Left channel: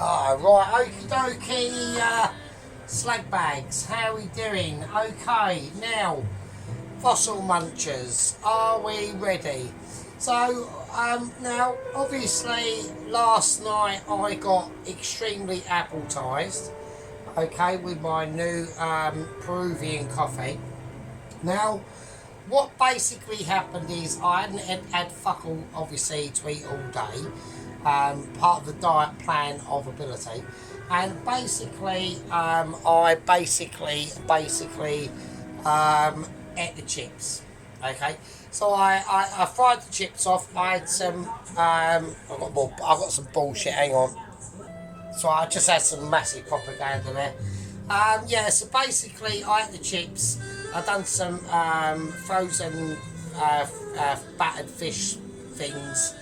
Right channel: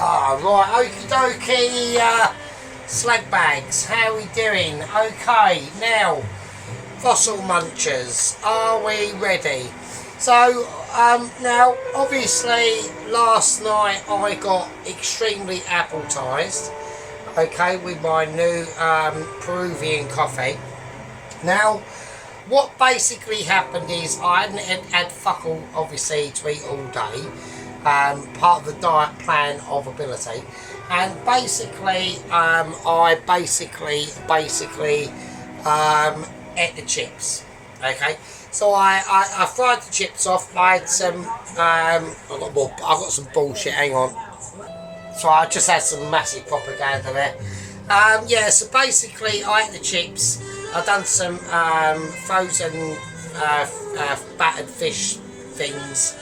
Right, okie dokie, slag bags, how we doing? Okay, now, fossil munchers, are we ready? So, now, obviously, last night I got extremely appetized, okay, with my new Peruvian coffee. Now, what basically happened is I hadn't had fuck all, obviously, to eat all day. Part of the diet plan of ability, and basically I basically ate the chips. Okay, so I fried the chips off. I had some I got some bullshit, hang on, so I just had some massive propaganda there. Yeah, so basically I ate the chips. I've done some frozen battered fish things,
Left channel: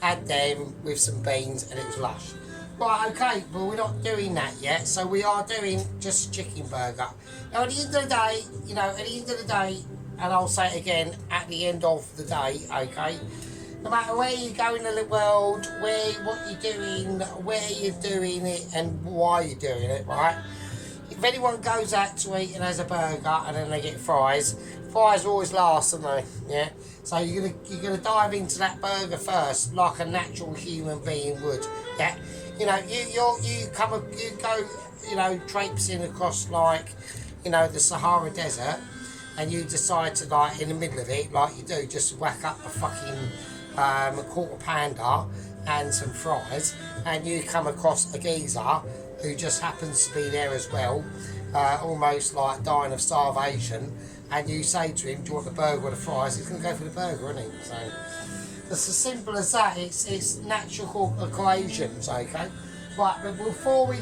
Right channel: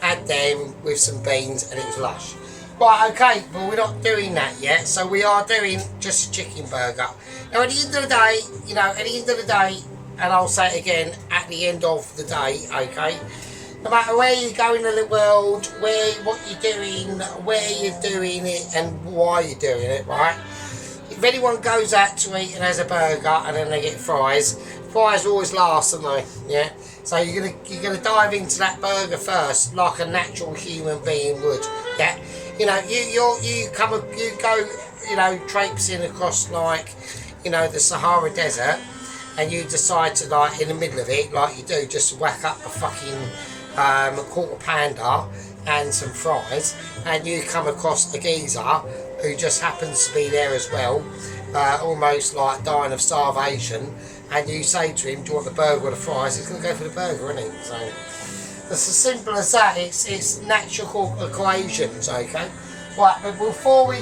had them with some beans, and it was lush. Right, okay, well we're not doing that yet, so we are doing just a chicken burger. Now at the end of the day, you know, at the end of the day, and I'll say it again, at the end of the day, okay, no matter where you go in the world, what you're doing, where you're doing it, and why you're doing it, right? If anyone goes out to eat and has a burger and then they get fries always last, don't they? Yeah. So you're gonna dive into that burger first, like a natural human being would. Yeah. You know, you go, you know, traipsing across, like, you know, the Sahara Desert, and you decide to, like, in the middle of it, like you do, just whack up a fucking quarter pounder and some fries, and you come across a geezer who just happens to be there as well, almost like dying of starvation, and you say to him, do you want the burger or the fries? He's going to go for the burger, isn't he? So it's as simple as that. It's natural equations, okay? Right, but before we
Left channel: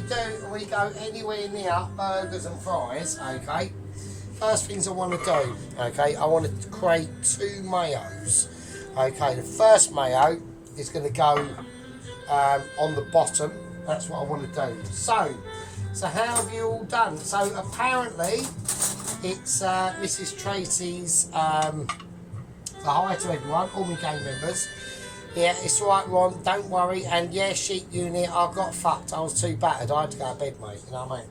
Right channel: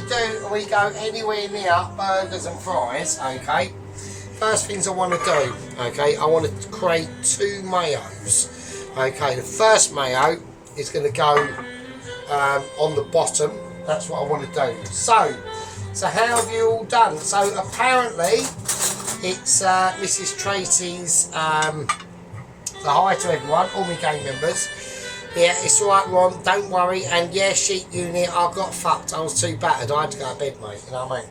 go anywhere near burgers and fries, okay, first things I want to do, okay, I want to create two mayos. Okay, the first mayo is going to go on the bottom. That's what I want to do. So how have you all done? So apparently it's Mrs. Tracy's, the hi to everyone, all my gang members. Yeah, it's alright, Ron, don't worry. And yeah, sheep unit, I got fucked. I was too battered. I had to go to bed, mate. You know what I mean?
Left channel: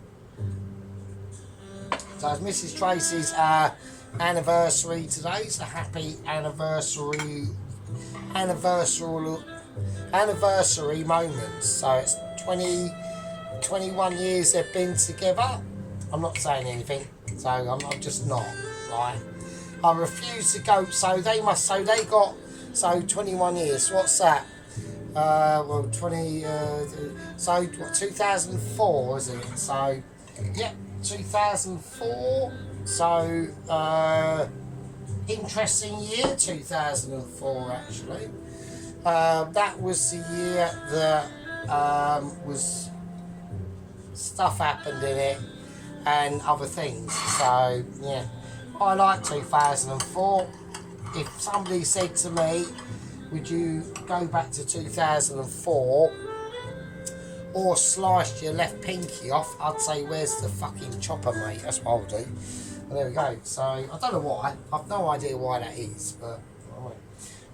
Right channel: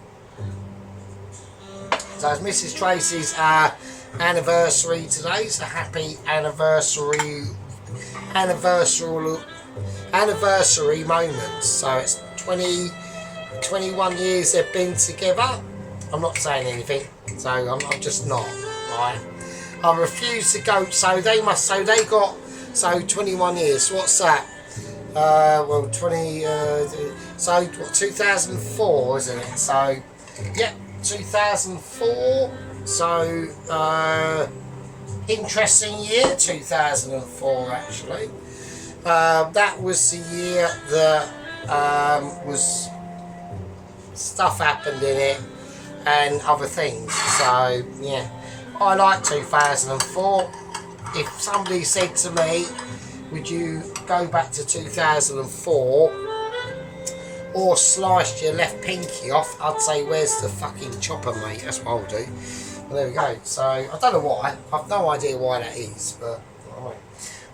So it's Mrs. Tracy's anniversary today. So happy anniversary moment. So it's 21 years they've been together. I'm not saying anything, so I'm just not, right? I refuse to go, so they got 21 years. What's that? Well, 20, so what, 2004, isn't it? So, yeah, 2004. So, interesting year, 2004, actually. That was the year that was stuff happened in it and other things. So, yeah. I like 2004. If somebody said to me, would you go back to 2004 or sliced your left pinky off, I'd say, where's the fucking chopper, mate? That's what I'll do. Well, there we go. So, I don't know why. I've no idea why that is, but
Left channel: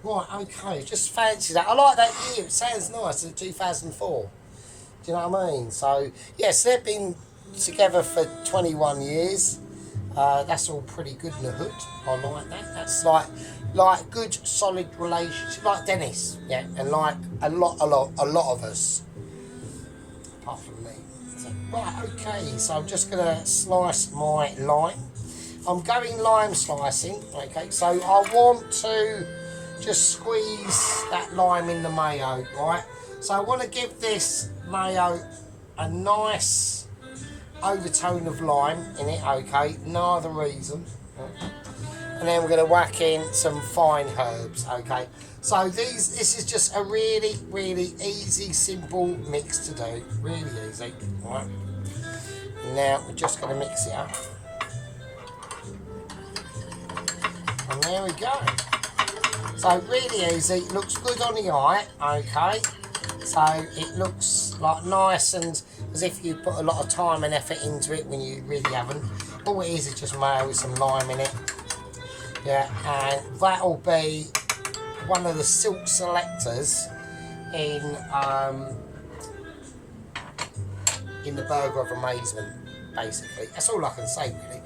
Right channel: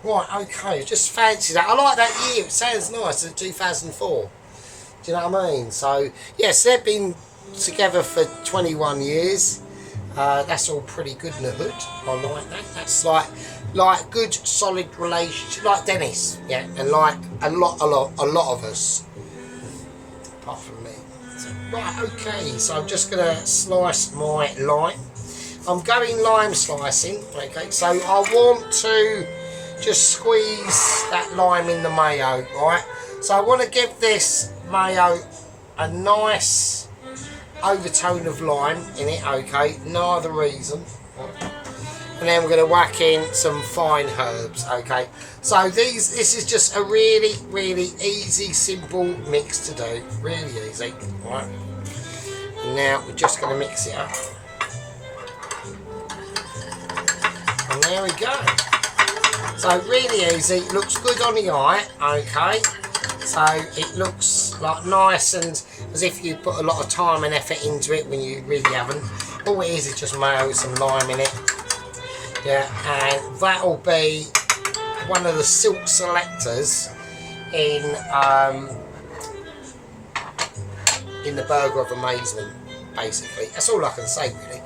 right, okay. Just fancy that. I like that year. It sounds nice, 2004. Do you know what I mean? So, yes, they've been together for 21 years. That's all pretty good in the hood. I like that. That's like good solid relationship, like Dennis, yeah, and like a lot of us, apart from me. So, right, okay. So I'm just gonna slice my lime. I'm going lime slicing. Okay, so I want to just squeeze that lime in the mayo, right? So I want to give this mayo a nice overtone of lime in it, okay, no other reason. And then we're going to whack in some fine herbs, okay. So this is just a really, really easy, simple mix to do, really easy, right. Now we're just going to mix it up. And there we go. So really easy, looks good on the eye, okay. So it looks like nice and as if you put a lot of time and effort into it when you really haven't. All it is just mayo with some lime in it. Yeah, and that'll be one of the silk selectors in in the burger of amazement, basically. That's all I can say, really.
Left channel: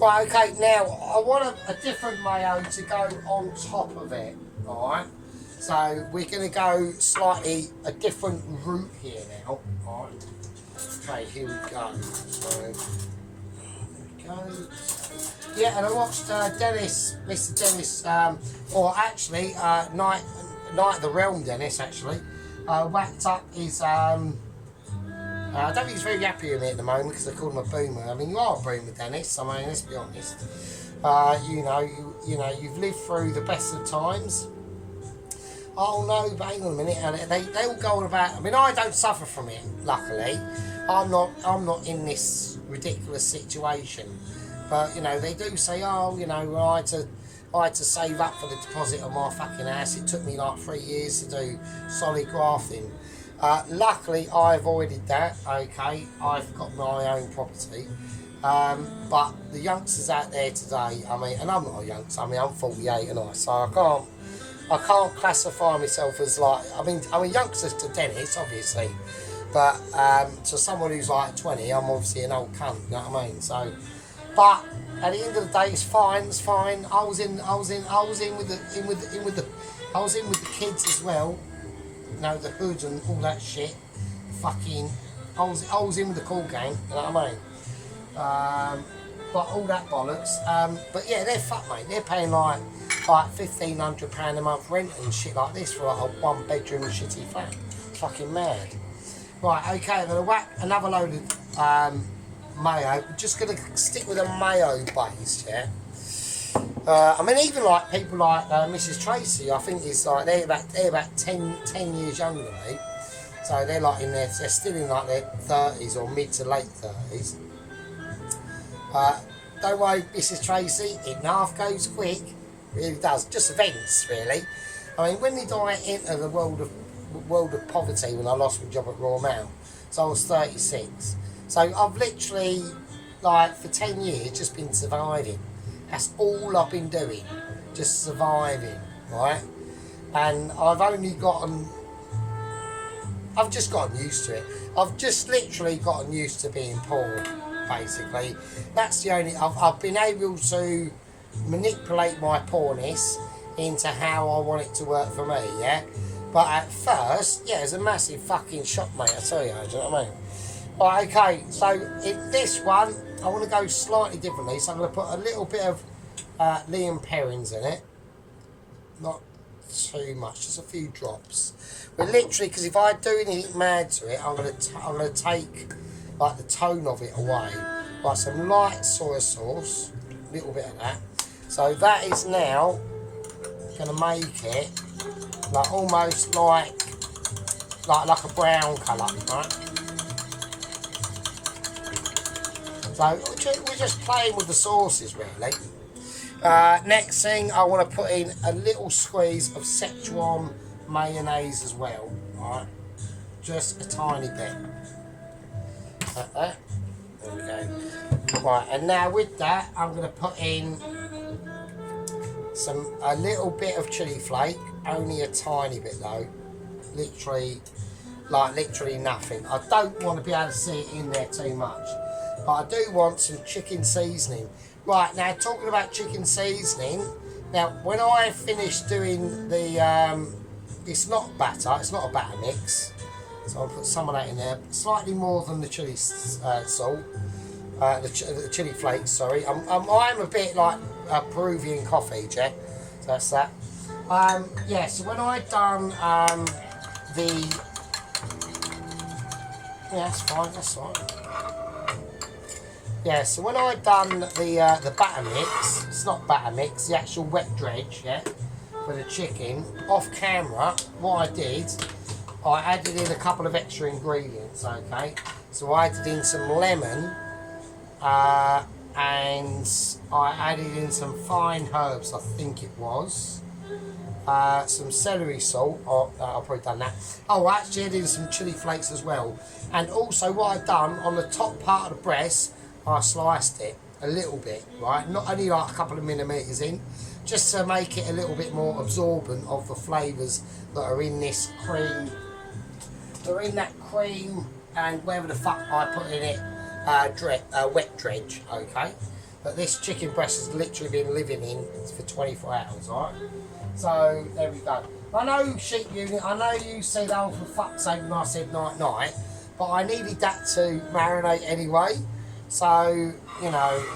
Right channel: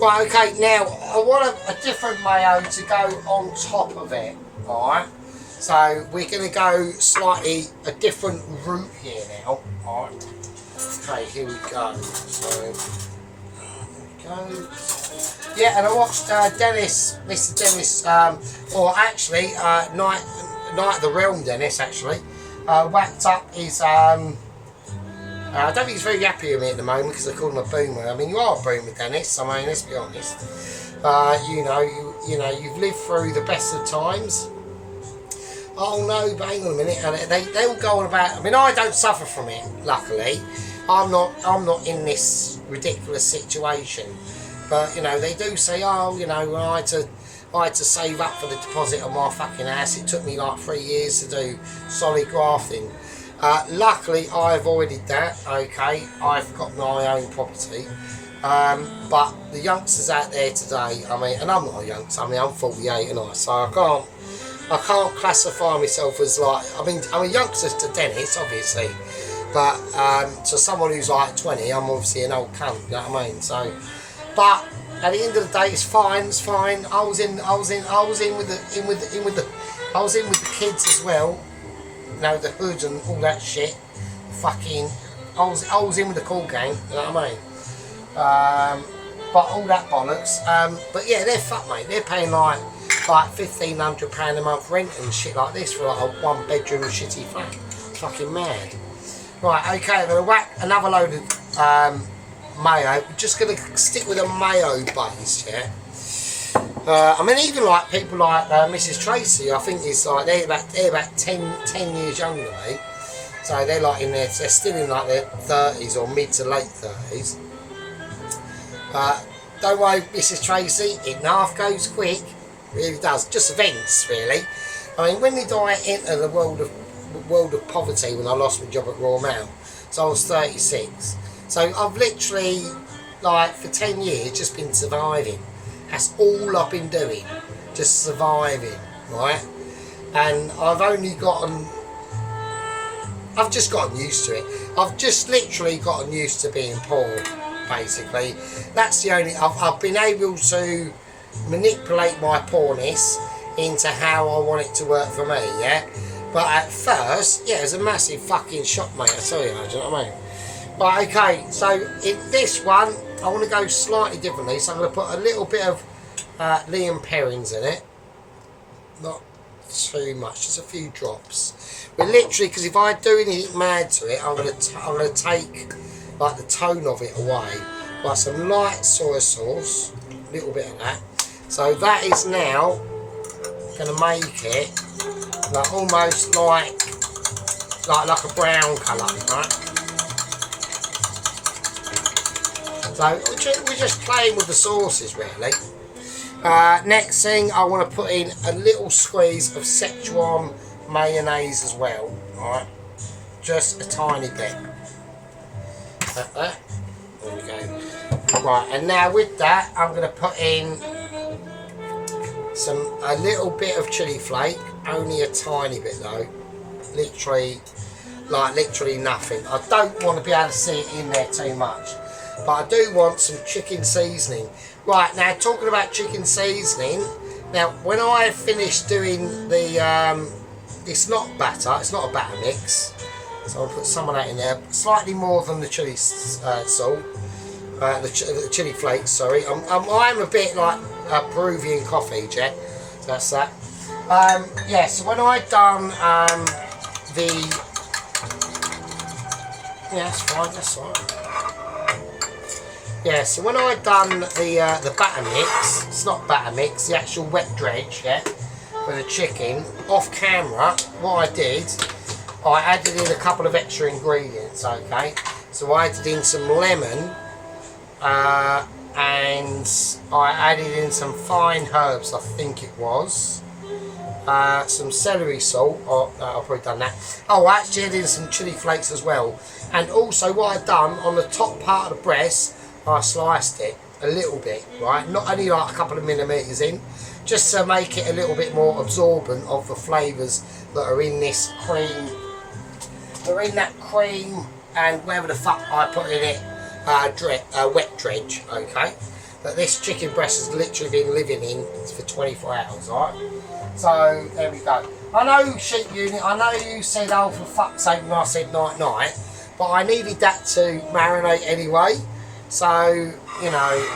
Right, okay, now I want a different mayo to go on top of it, alright? So we're going to go slightly a different route here now, alright? Okay, here we go. So, there we go. Yeah, and I watched Dennis, Mr. Dennis, or actually, Night of the Realm Dennis, actually, whacked up his, I don't think he's very happy with me at the moment because I call him a boomer. I mean, you are a boomer, Dennis. I mean, let's be honest. You know, you've lived through the best of times. Oh no, but hang on a minute, and they all go on about. I mean, I don't suffer from it. Luckily, I'm not in this ridiculous situation. But you know, they do say, oh, you know, I had to save up for the deposit of my fucking house. It took me like 3 years to do solid grafting. Luckily, I avoided that. Okay, I've got my own property. But the youngsters out there today, I mean, and I'm not a youngster. I mean, I'm 48 and so I can't classify myself as like. I mean, I'm a youngster to Dennis, obviously, but to someone who's like 20, I'm obviously an old cunt. You know what I mean? So, but at the end of the day, it's fine. It's fine. I was in with the kids as well. You know, the hoods and all that shit. Fucking, I was in with the cool gang. You know what I mean? But all that bollocks. But yeah, they're fucked, mate. They're paying like £1,500 a month rent and shit like this for like a 1-bedroom shitty flat. It's fucking mad. Right, okay, I'm gonna whack another load of mayo. We're just gonna stick with a mayo base, yeah. I mean, even like people like Mrs. Tracy, I think it's like they're about 10 years younger than me, so they're like they're still in like their 30s or mid to late 30s. Don't worry, Mrs. Tracy, it half goes quick, it really does. Just events, really. I mean, when did I enter the world of poverty? When I lost my job at Royal Mail, so I was 36. So I've literally, like, for 10 years just been surviving. That's all I've been doing, just surviving, right? And I've just gotten used to it. I've just literally gotten used to being poor, basically. That's the only, I've been able to manipulate my poorness into how I want it to work for me, yeah? But at first, yeah, it was a massive fucking shock, mate, I tell you, do you know what I mean? Right, okay, so in this one, I want to go slightly differently, so I'm going to put a little bit of Liam Perrins in it. Not too much, just a few drops. But literally, because if I do anything mad to it, I'm going to take like the tone of it away. Like some light soy sauce, a little bit of that. So that is now going to make it like almost like a brown colour, right? So we're just playing with the sauces, really. Next thing, I want to put in a little squeeze of Szechuan mayonnaise as well. Alright, just a tiny bit. Like that. There we go. Right, and now with that, I'm going to put in a little bit of chili flake, only a tiny bit though. Literally nothing. I don't want to be able to see it in there too much. But I do want some chicken seasoning. Right, now talking about chicken seasoning, now when I finished doing the, it's not batter, it's not a batter mix, so I'll put some of that in there, slightly more than the chili salt, the chili flakes, sorry. I'm a bit like Peruvian coffee, Jack, so that's that. Yeah, so when I done yeah, that's fine, that's fine. Yeah, so when I done the batter mix, it's not batter mix, the actual wet dredge, yeah, for the chicken, off camera, what I did, I added in a couple of extra ingredients, okay? So I added in some lemon, and I added in some fine herbs, I think it was, some celery salt, I've probably done that. Oh, I actually added in some chili flakes as well. And also what I've done, on the top part of the breast, I sliced it a little bit, right? Not only like a couple of millimetres in, just to make it a little bit more absorbent of the flavours that are in this cream. They're in that cream and wherever the fuck I put in it, wet dredge, okay? But this chicken breast has literally been living in for 24 hours, alright? So, there we go. I know, sheep unit, I know you said, oh, for fuck's sake, when I said night-night, but I needed that to marinate anyway. So, you know,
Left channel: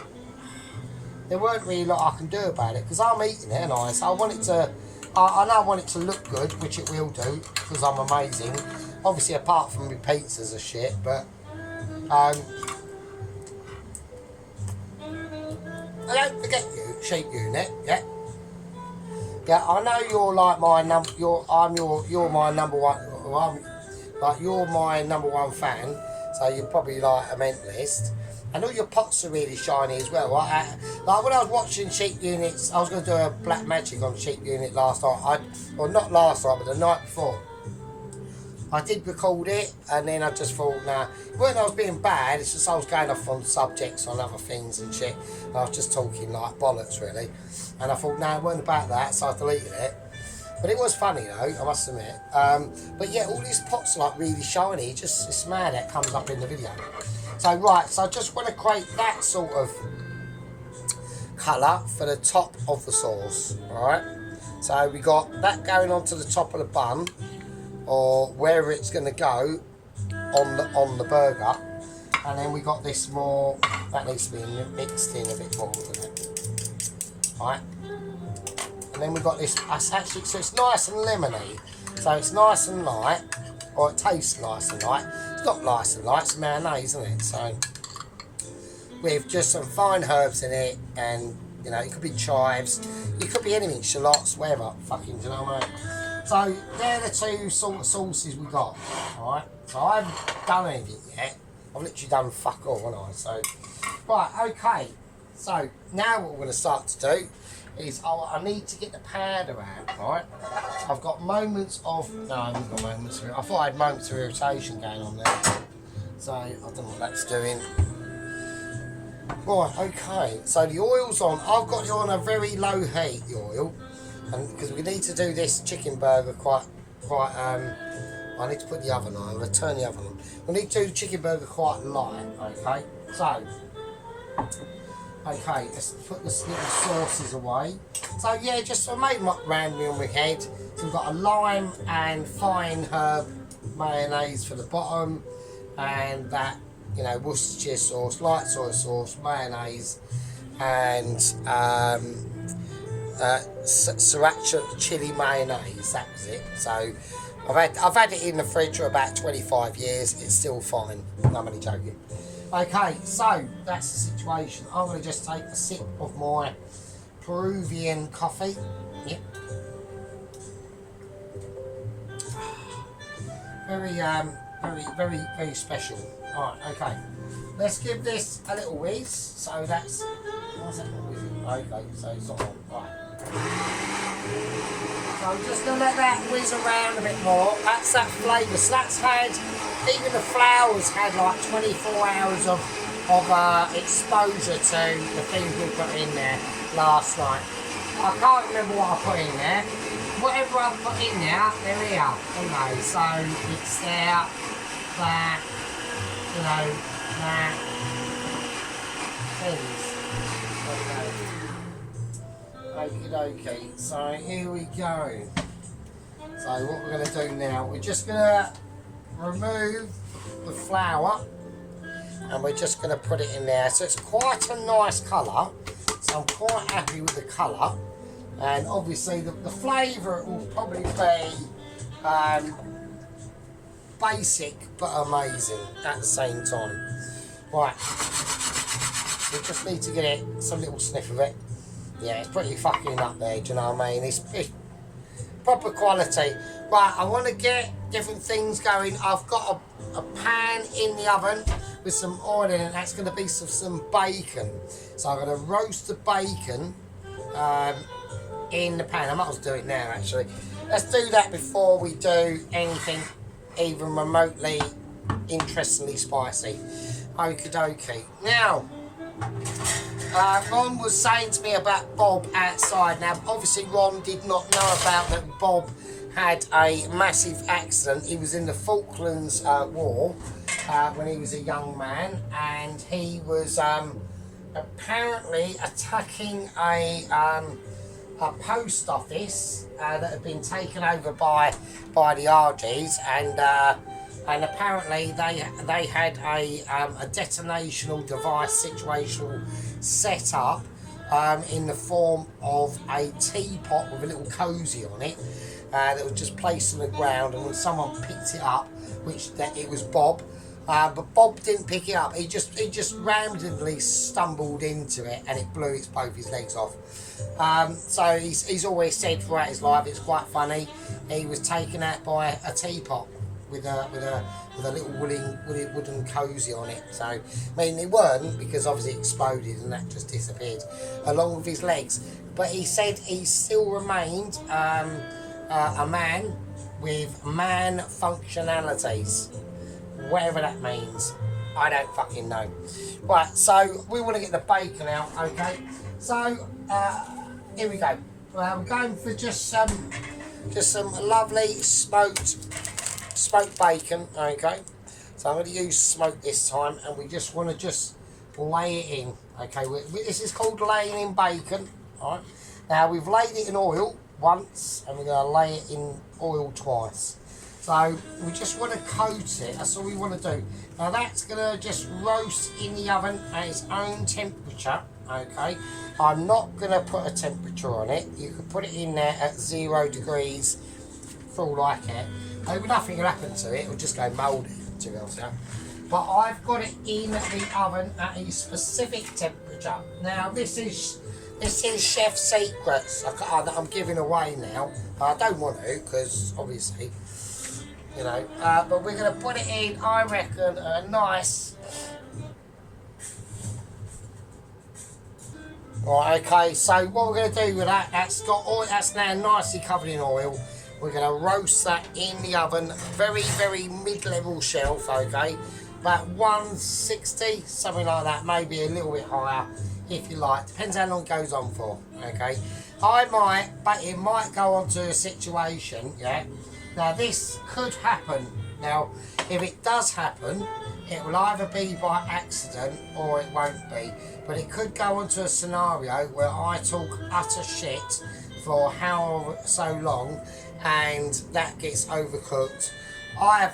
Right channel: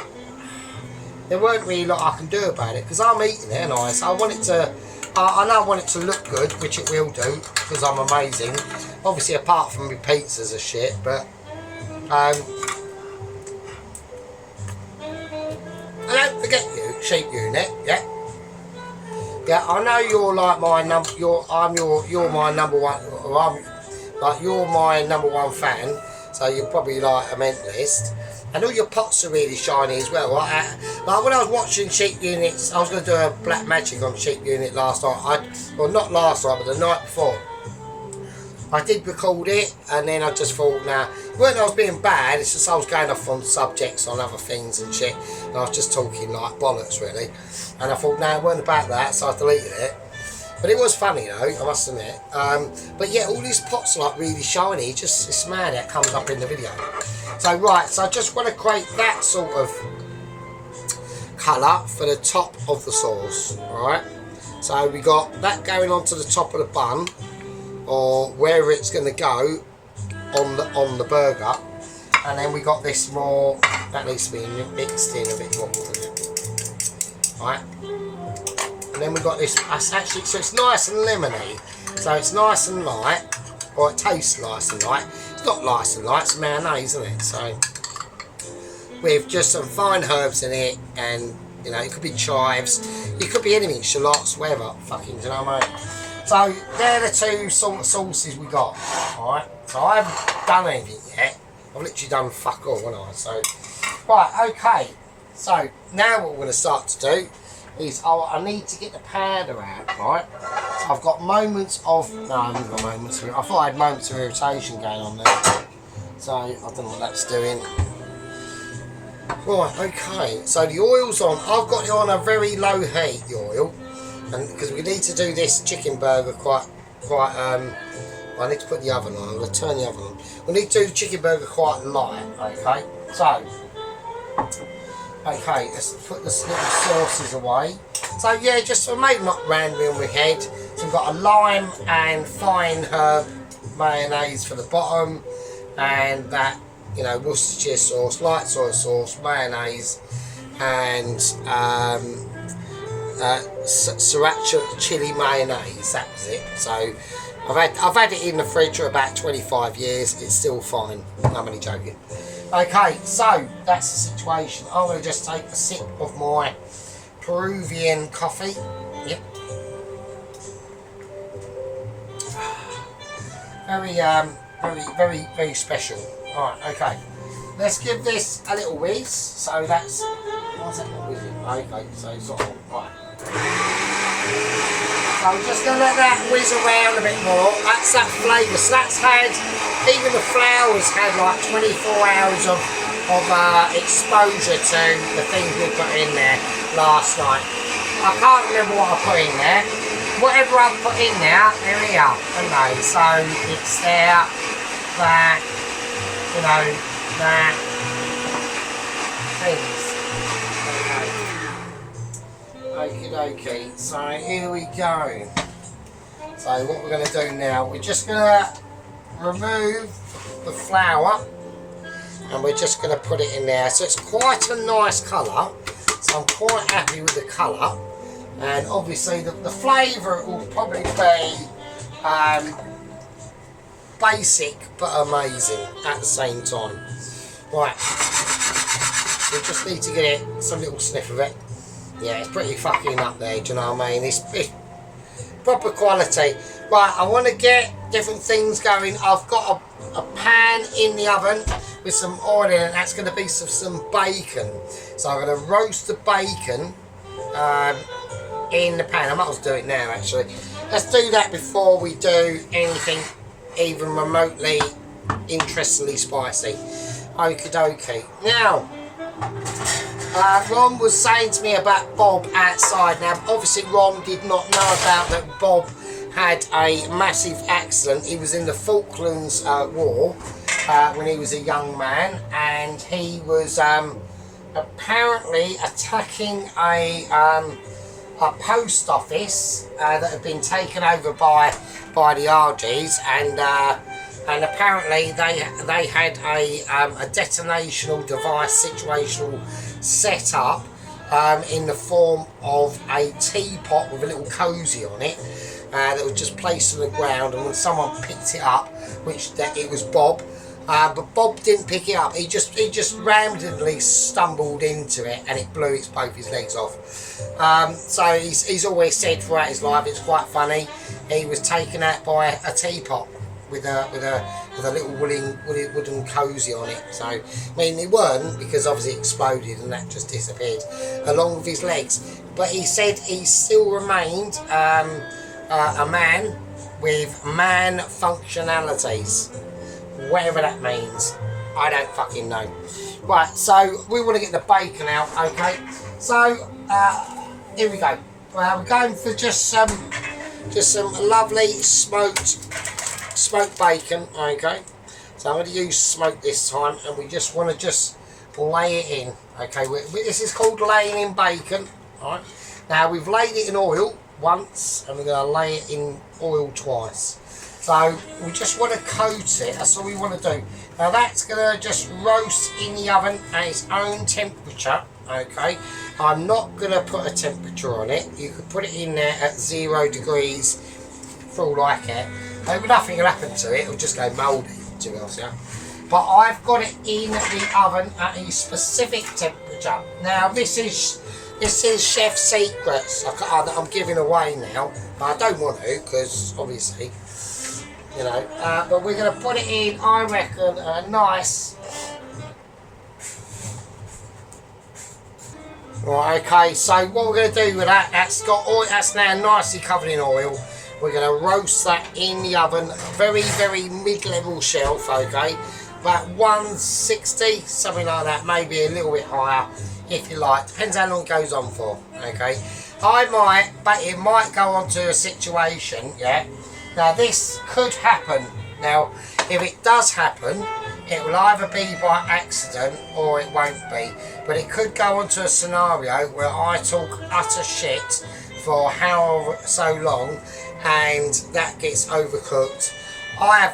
there weren't really a lot I can do about it, because I'm eating it, and so I want it to, I know I want it to look good, which it will do, because I'm amazing. Obviously, apart from my pizzas are shit, but, I don't forget you, sheep unit, yeah? Yeah, I know you're like my number, you're my number one, you're my number one fan, so you're probably like a mentalist. And all your pots are really shiny as well. Like when I was watching Sheep Units, I was going to do a black magic on Sheep Unit last night. Well, not last night, but the night before. I did record it, and then I just thought, nah, it wasn't I was being bad, it's just I was going off on subjects on other things and shit. And I was just talking like bollocks, really. And I thought, nah, it wasn't about that, so I deleted it. But it was funny though, I must admit. But yeah, all these pots are like really shiny, it's mad how it comes up in the video. So right, so I just want to create that sort of colour for the top of the sauce, right? So we got that going onto the top of the bun, or wherever it's going to go on the burger. And then we got this more, that needs to be mixed in a bit more, doesn't it? Right? And then we got this, actually, so it's nice and lemony, so it's nice and light, or it tastes nice and light. It's not nice and light, it's mayonnaise, isn't it? So, with just some fine herbs in it, and, you know, it could be chives, it could be anything, shallots, whatever, fucking, do you know what I mean? So, they're the two sort of sauces we got, alright? So, I haven't done anything yet. I've literally done fuck all, haven't I? So, right, okay. So, now what we're going to start to do is, I need to get the powder out, right? I've got moments of, no, I haven't got moments of, I thought I had moments of irritation going on there. So, I don't know what that's doing. Right, okay, so the oil's on. I've got it on a very low heat, the oil. And because we need to do this chicken burger quite, I need to put the oven on, I'm going to turn the oven on. We need to do the chicken burger quite light, okay? So, okay, let's put the little sauces away. So yeah, just I made them up randomly on my head. So we've got a lime and fine herb mayonnaise for the bottom, and that, you know, Worcestershire sauce, light soy sauce, mayonnaise, and sriracha chili mayonnaise. That was it. So I've had it in the fridge for about 25 years. It's still fine. I'm only joking. Okay, so that's the situation. I'm going to just take a sip of my Peruvian coffee. Yep. Very special. Alright, okay. Let's give this a little whiz. So that's, what's that not whizzing? Okay, so it's all right. So I'm just going to let that whiz around a bit more. That's that flavour. So that's had, even the flour's had like 24 hours of exposure to the things we put in there last night. I can't remember what I put in there. Whatever I put in there, they're here, aren't they? So it's there, that, you know, that, things. Okay. Okie dokie, so here we go. So what we're going to do now, we're just going to remove the flour, and we're just going to put it in there. So it's quite a nice colour, so I'm quite happy with the colour. And obviously the flavour will probably be basic but amazing at the same time. Right, we just need to get it, some little sniff of it. Yeah, it's pretty fucking up there, do you know what I mean? It's proper quality. Right, I want to get different things going. I've got a pan in the oven with some oil in it. That's going to be some bacon. So I'm going to roast the bacon in the pan. I might as well do it now, actually. Let's do that before we do anything even remotely interestingly spicy. Okie dokie. Now, Ron was saying to me about Bob outside. Now, obviously, Ron did not know about that Bob had a massive accident. He was in the Falklands War, when he was a young man, and he was apparently attacking a post office that had been taken over by the RGs, and apparently they had a detonational device situational set up in the form of a teapot with a little cosy on it that was just placed on the ground, and when someone picked it up, which it was Bob, but Bob didn't pick it up. He just randomly stumbled into it, and it blew both his legs off. So he's always said throughout his life, it's quite funny, he was taken out by a teapot with a little wooden cosy on it. So I mean, it weren't, because obviously it exploded and that just disappeared along with his legs. But he said he still remained a man with man functionalities, whatever that means. I don't fucking know. Right, so we want to get the bacon out, okay? So here we go. We're going for just some lovely smoked bacon, okay? So I'm going to use smoked this time, and we just want to just lay it in, okay? This is called laying in bacon, all right? Now we've laid it in oil once, and we're going to lay it in oil twice. So we just want to coat it, that's all we want to do. Now that's going to just roast in the oven at its own temperature, okay? I'm not going to put a temperature on it. You could put it in there at 0 degrees for all I care. Nothing will happen to it, it'll just go mouldy, to be honest, yeah? But I've got it in the oven at a specific temperature. Now this is chef secrets that I'm giving away now. I don't want to, because obviously, you know, but we're going to put it in, I reckon, a nice... Right, okay, so what we're going to do with that, that's got oil, that's now nicely covered in oil. We're going to roast that in the oven, very, very mid-level shelf, okay? About 160, something like that, maybe a little bit higher, if you like. Depends how long it goes on for, okay? But it might go on to a situation, yeah? Now, this could happen. Now, if it does happen, it will either be by accident or it won't be. But it could go on to a scenario where I talk utter shit for so long, and that gets overcooked. I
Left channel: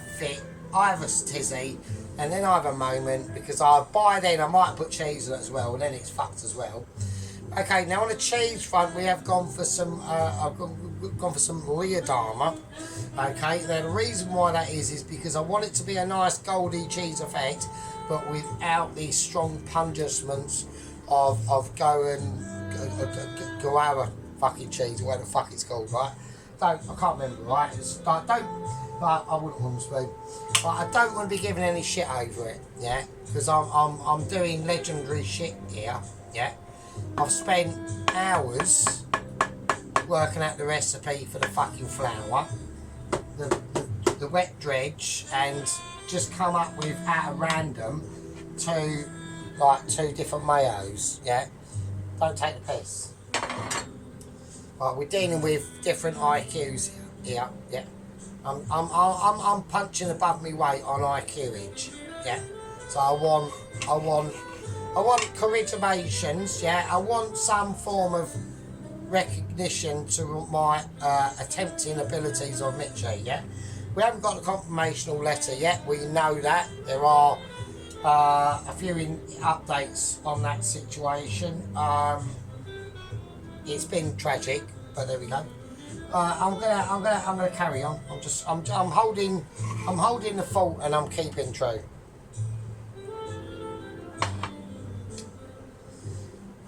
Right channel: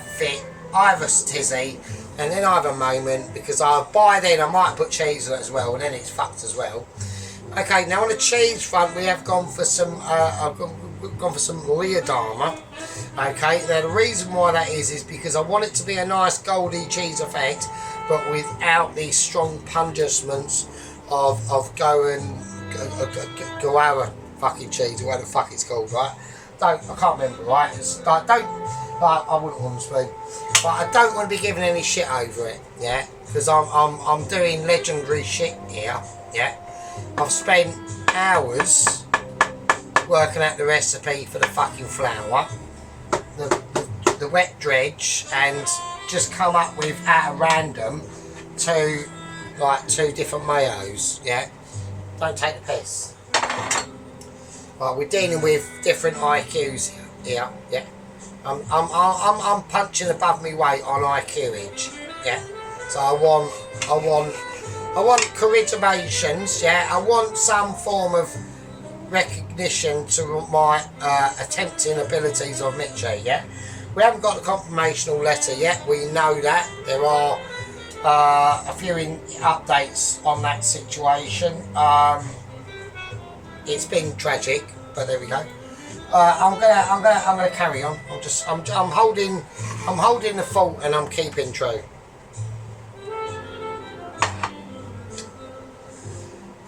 have a tizzy, and then I have a moment, because by then I might put cheese on it as well, and then it's fucked as well. Okay, now on the cheese front, we have gone for some Leerdama. Okay, now the reason why that is because I want it to be a nice goldy cheese effect, but without the strong punishments of Goara fucking cheese, or whatever the fuck it's called, right? I can't remember, right? I wouldn't want to speak, but I don't want to be giving any shit over it, yeah? Because I'm doing legendary shit here, yeah? I've spent hours working out the recipe for the fucking flour, the wet dredge, and just come up with, at a random, two different mayos, yeah? Don't take the piss. Right, we're dealing with different IQs here, yeah? I'm punching above my weight on IQage, yeah? So I want corrigimations, yeah? I want some form of recognition to my attempting abilities of Mitchie, yeah? We haven't got the confirmational letter yet, we know that. There are a few updates on that situation. It's been tragic, but there we go. I'm gonna carry on. I'm holding the fort, and I'm keeping true.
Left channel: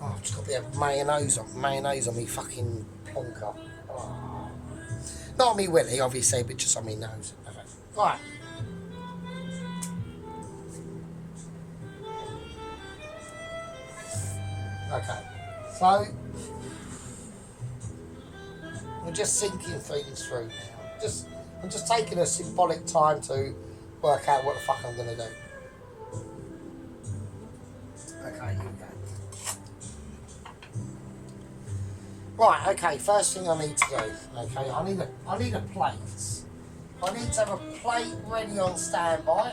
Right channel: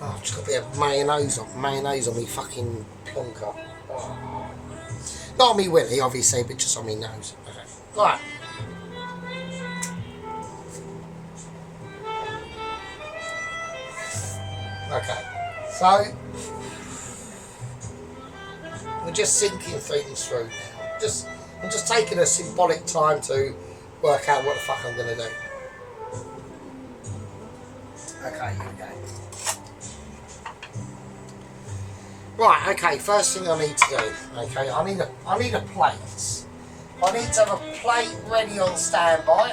Oh, I've just got a bit of mayonnaise on me fucking plonker. Oh. Not on me willy, obviously, but just on me nose. Right. Okay. So we're just sinking things through now. I'm just taking a symbolic time to work out what the fuck I'm going to do. Okay, here we go. Right, okay, first thing I need to do, okay, I need a plate. I need to have a plate ready on standby.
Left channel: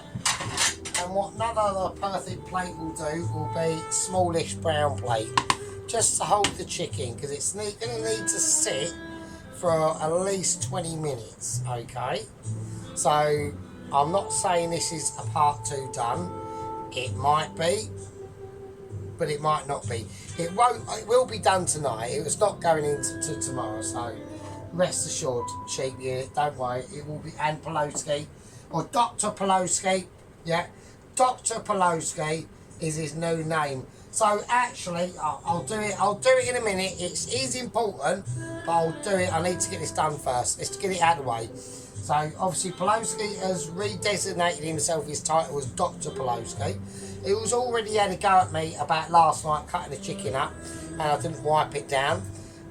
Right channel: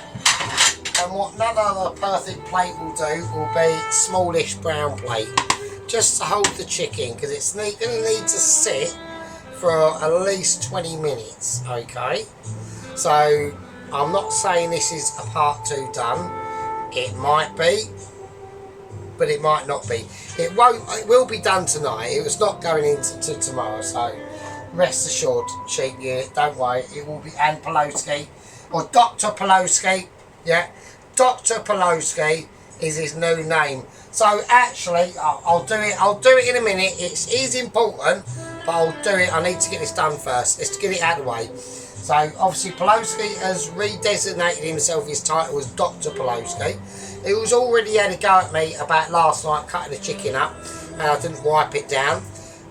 And what none other perfect plate will do will be smallish brown plate. Just to hold the chicken, because it's going to need to sit for at least 20 minutes, okay? So, I'm not saying this is a part 2 done. It might be, but it might not be. It will be done tonight. It was not going into tomorrow, so rest assured, Cheap Unit, don't worry. It will be, and Pawlowski, or Dr. Pawlowski, yeah? Dr. Pawlowski is his new name. So actually, I'll do it. I'll do it in a minute. It is important, but I'll do it. I need to get this done first. Let's get it out of the way. So obviously, Pawlowski has redesignated himself. His title as Dr. Pawlowski. He was already had a go at me about last night cutting the chicken up, and I didn't wipe it down.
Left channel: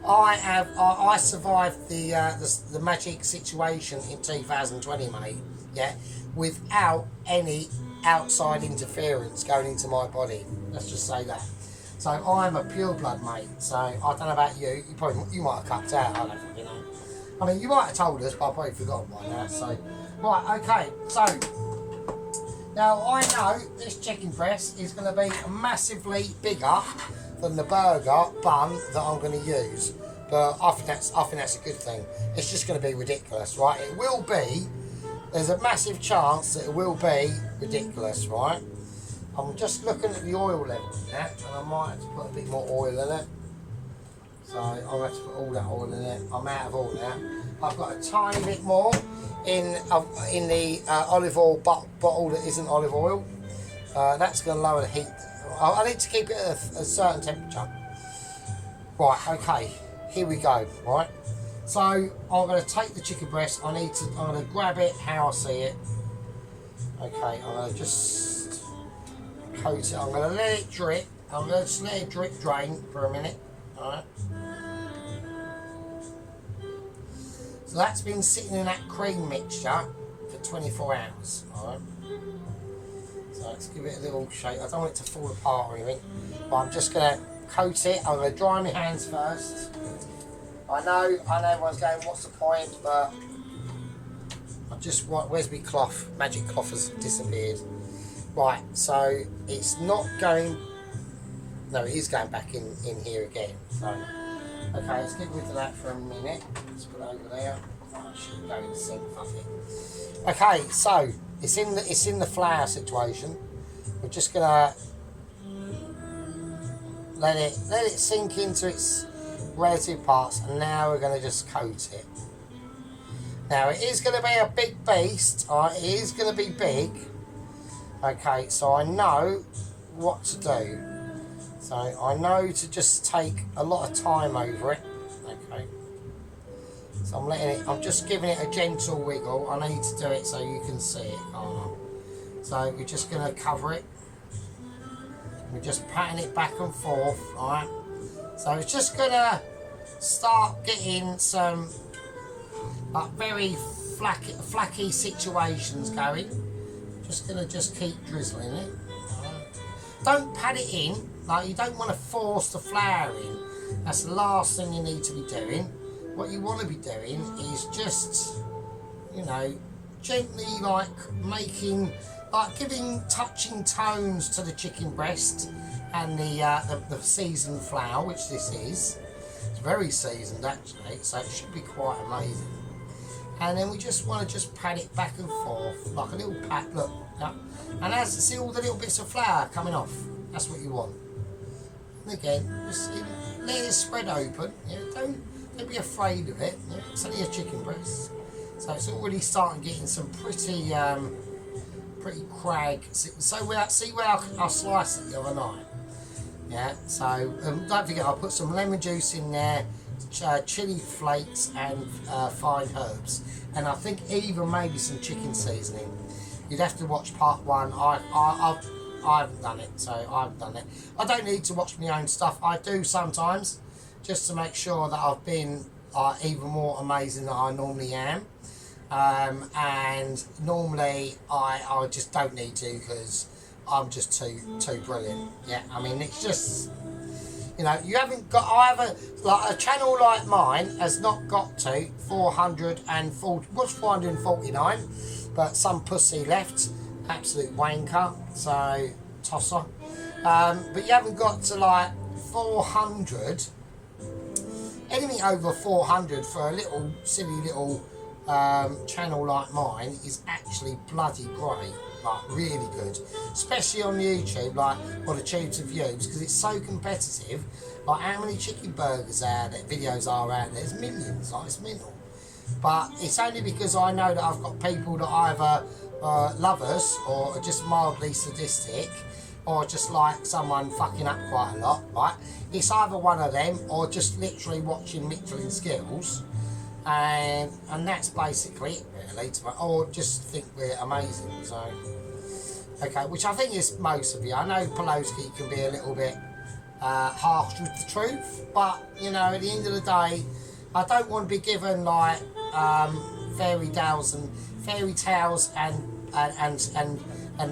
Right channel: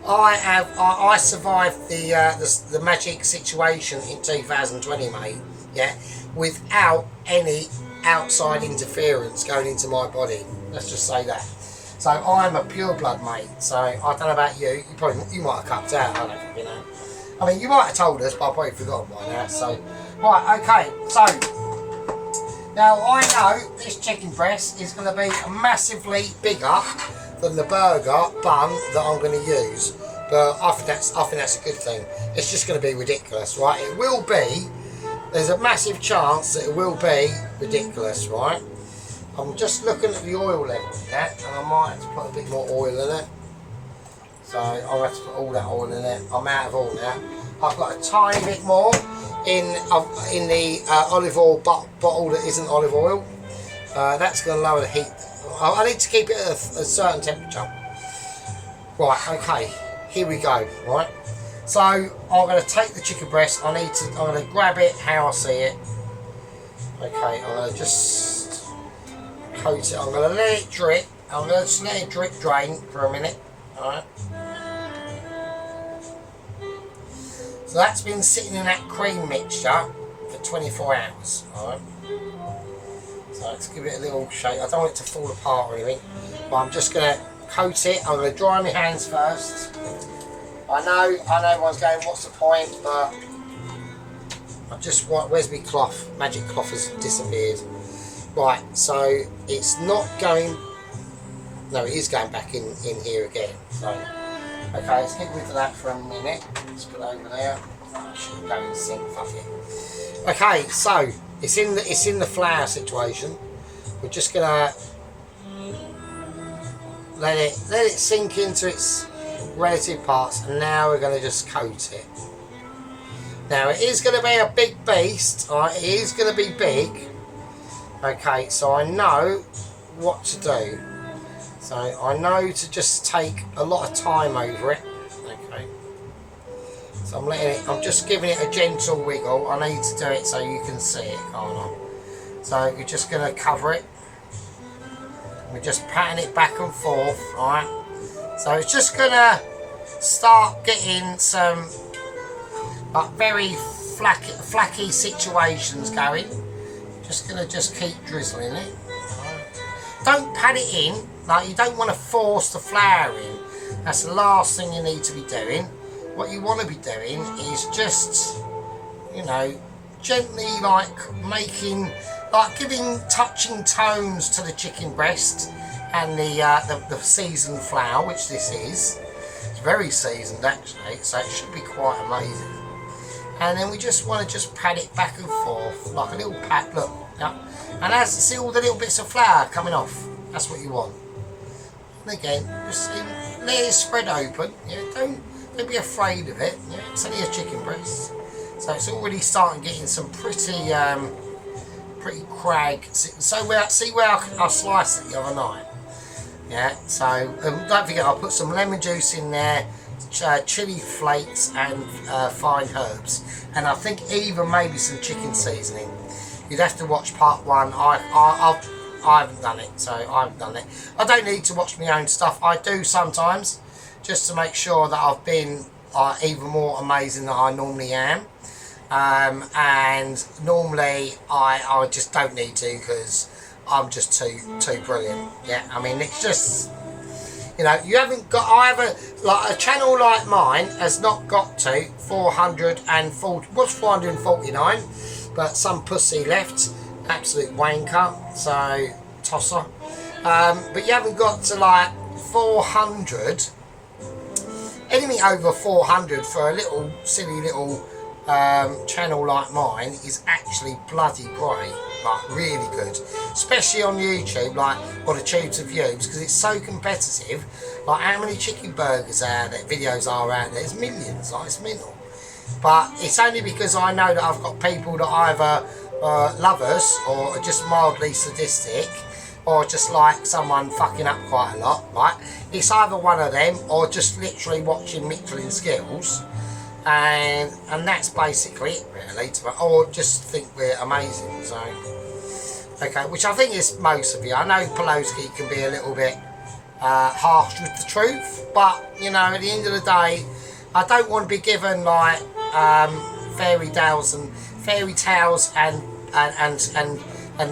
I survived the magic situation in 2020, mate. Yeah, without any outside interference going into my body. Let's just say that. So I'm a pure blood, mate. So I don't know about you. You might have cupped out. I don't think, you know. I mean, you might have told us, but I've probably forgotten by now. So right, okay. So now I know this chicken breast is going to be massively bigger than the burger bun that I'm going to use. But I think that's a good thing. It's just going to be ridiculous, right? It will be. There's a massive chance that it will be ridiculous, right? I'm just looking at the oil level of that, and I might have to put a bit more oil in it. So I'll have to put all that oil in it. I'm out of oil now. I've got a tiny bit more in the olive oil bottle that isn't olive oil. That's going to lower the heat. I need to keep it at a certain temperature. Right, okay, here we go, right? So I'm going to take the chicken breast. I'm going to grab it how I see it. Okay, I'm going to just coat it. I'm going to let it drip. I'm going to just let it drip drain for a minute. Alright. So that's been sitting in that cream mixture for 24 hours. Alright. So let's give it a little shake. I don't want it to fall apart or anything. But I'm just going to coat it. I'm going to dry my hands first. I know everyone's going, what's the point? But I just want, where's my cloth? Magic cloth has disappeared. Right, so it's not going, no, it is going back in here again. So, okay, let's get rid of that for a minute. Let's put it over there. I should go in the sink, fuck it. Okay, so it's in the flour situation. We're just gonna let it sink into its relative parts, and now we're going to just coat it. Now it is going to be a big beast, alright, it is going to be big. Okay, so I know what to do. So I know to just take a lot of time over it. Okay. So I'm just giving it a gentle wiggle. I need to do it so you can see it, can't I? So you're just going to cover it. We're just patting it back and forth, alright? So it's just going to start getting some like very flaky situations going. Just going to keep drizzling it. Don't pat it in, like you don't want to force the flour in. That's the last thing you need to be doing. What you want to be doing is just, you know, gently giving touching tones to the chicken breast and the seasoned flour, which this is. It's very seasoned actually, so it should be quite amazing. And then we just want to pat it back and forth like a little pat. Look, yeah. And as you see all the little bits of flour coming off, that's what you want. And again, just let it spread open. Yeah, don't be afraid of it. Yeah, it's only a chicken breast, so it's already starting getting some pretty crag. So see where I sliced it the other night. Yeah. So don't forget, I'll put some lemon juice in there, chili flakes, and fine herbs, and I think even maybe some chicken seasoning. You'd have to watch part one. I haven't done it, so I haven't done it. I don't need to watch my own stuff. I do sometimes, just to make sure that I've been even more amazing than I normally am. And normally I just don't need to, because I'm just too brilliant. Yeah, I mean, it's just, you know, you haven't got a channel like mine has not got to 440, what's 449, but some pussy left absolute wanker, so tosser. But you haven't got to like 400. Anything over 400 for a little silly little channel like mine is actually bloody great, like really good, especially on YouTube, like or the tubes of views, because it's so competitive. Like how many chicken burgers videos are out there? It's millions, like it's mental. But it's only because I know that I've got people that either love us or are just mildly sadistic, or just like someone fucking up quite a lot, right? It's either one of them or just literally watching Michelin Skills, and that's basically it really, or just think we're amazing. So okay, which I think is most of you. I know Poloski can be a little bit harsh with the truth, but you know, at the end of the day, I don't want to be given like fairy tales and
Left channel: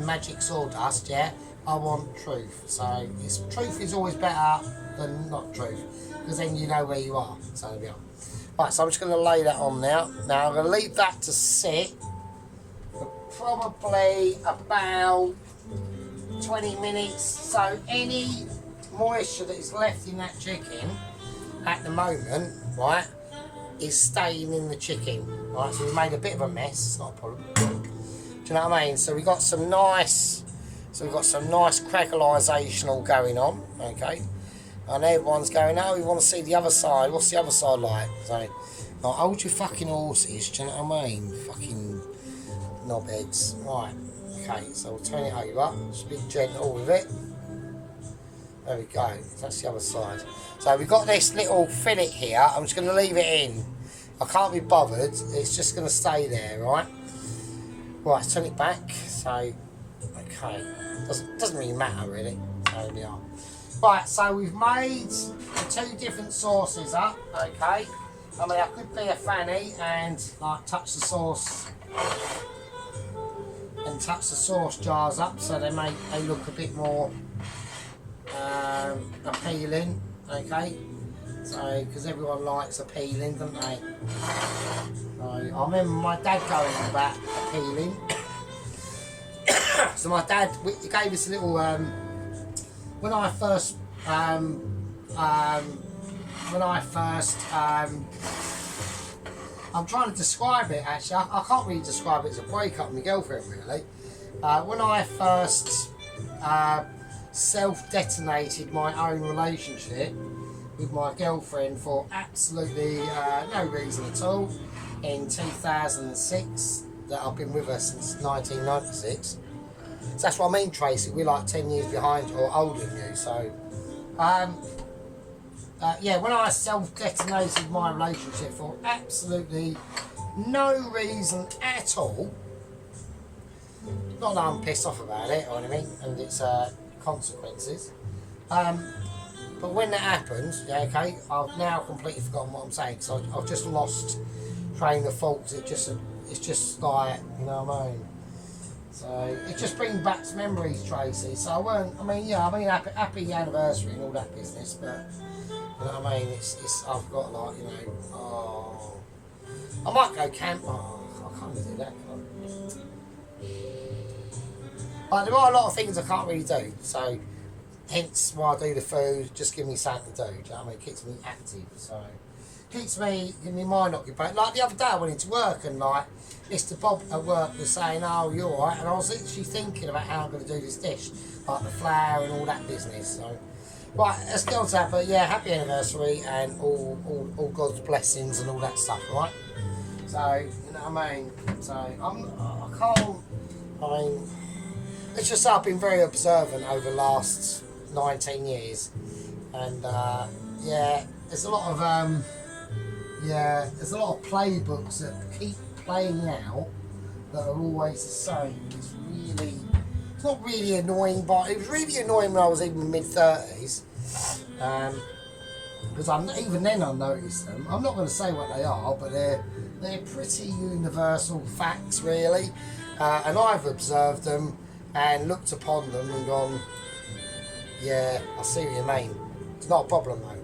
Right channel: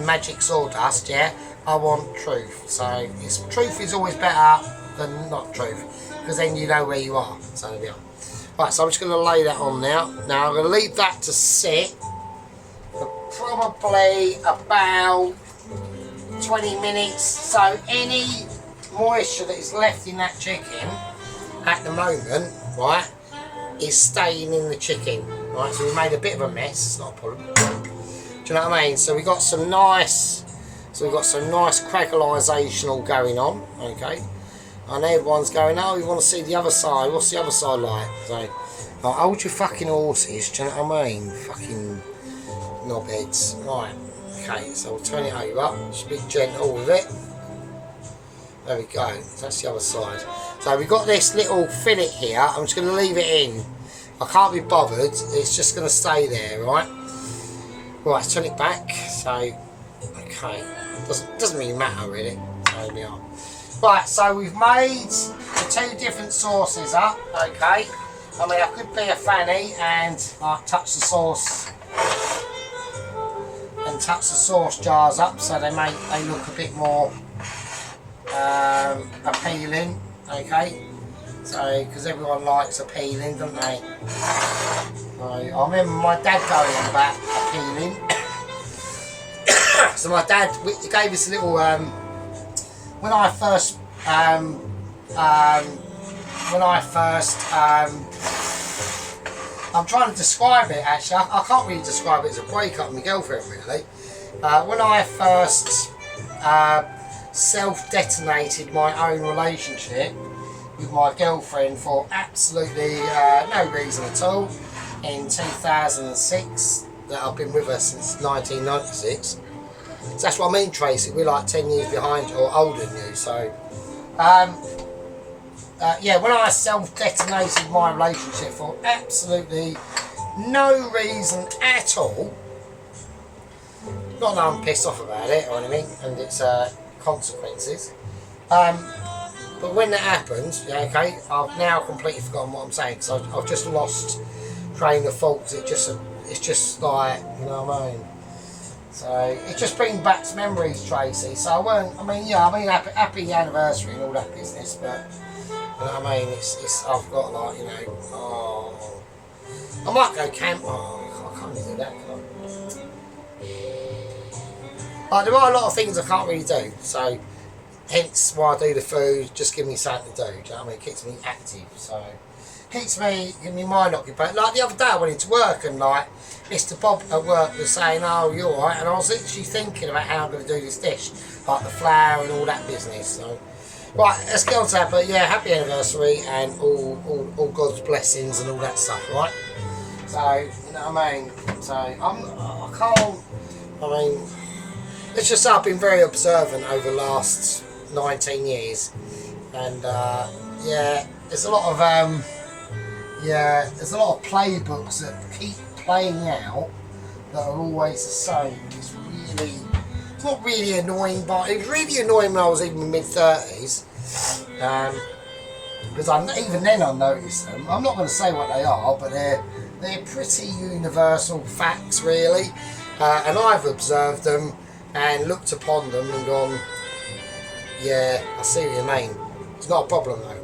magic sawdust. Yeah, I want truth. So truth is always better than not truth, because then you know where you are. So there we are. Right, so I'm just going to lay that on now. Now I'm going to leave that to sit for probably about 20 minutes. So any moisture that is left in that chicken at the moment, right, is staying in the chicken. Right, so we made a bit of a mess. It's not a problem. Do you know what I mean? So we got some nice. Crackleisation all going on. Okay. And everyone's going, oh, we want to see the other side. What's the other side like? So, like, hold your fucking horses, do you know what I mean? Fucking knobheads. Right, okay, so we'll turn it over. Just be gentle with it. There we go, that's the other side. So we've got this little fillet here. I'm just going to leave it in. I can't be bothered. It's just going to stay there, right? Right, let's turn it back. So, okay. Doesn't really matter, really. So we are. Right, so we've made the two different sauces up, okay? I mean, I could be a fanny and like touch the sauce jars up so they look a bit more appealing, okay? So, because everyone likes appealing, don't they? So, I remember my dad going on about appealing. So my dad gave us a little when I first I'm trying to describe it actually. I can't really describe it as a breakup with my girlfriend really. When I first self-detonated my own relationship with my girlfriend for absolutely no reason at all in 2006, that I've been with her since 1996. So that's what I mean, Tracy. We're like 10 years behind or older than you. So, yeah, when I self-detonated my relationship for absolutely no reason at all, not that I'm pissed off about it or anything, and its consequences. But when that happened, yeah, okay, I've now completely forgotten what I'm saying because I've just lost train of thought. It's just like, you know what I mean. So it just brings back memories, Tracy. So happy anniversary and all that business, but you know what I mean. It's I've got like, you know, oh, I might go camp. Oh, I can't really do that. Like, there are a lot of things I can't really do. So hence why I do the food. Just give me something to do. Do you know what I mean? It keeps me active. So keeps me in my mind occupied. Like the other day, I went into work and like Mr. Bob at work was saying, "Oh, you're all right," and I was literally thinking about how I'm going to do this dish, like the flour and all that business. So, right, let's get on to that. But yeah, happy anniversary and all God's blessings and all that stuff, right? So, you know what I mean. So I can't. I mean, it's just I've been very observant over the last 19 years, and yeah, there's a lot of there's a lot of playbooks that keep playing out that are always the same. It's not really annoying, but it was really annoying when I was even mid-30s, because even then I noticed them. I'm not going to say what they are, but they're pretty universal facts really, and I've observed them and looked upon them and gone, yeah, I see what you mean. It's not a problem though.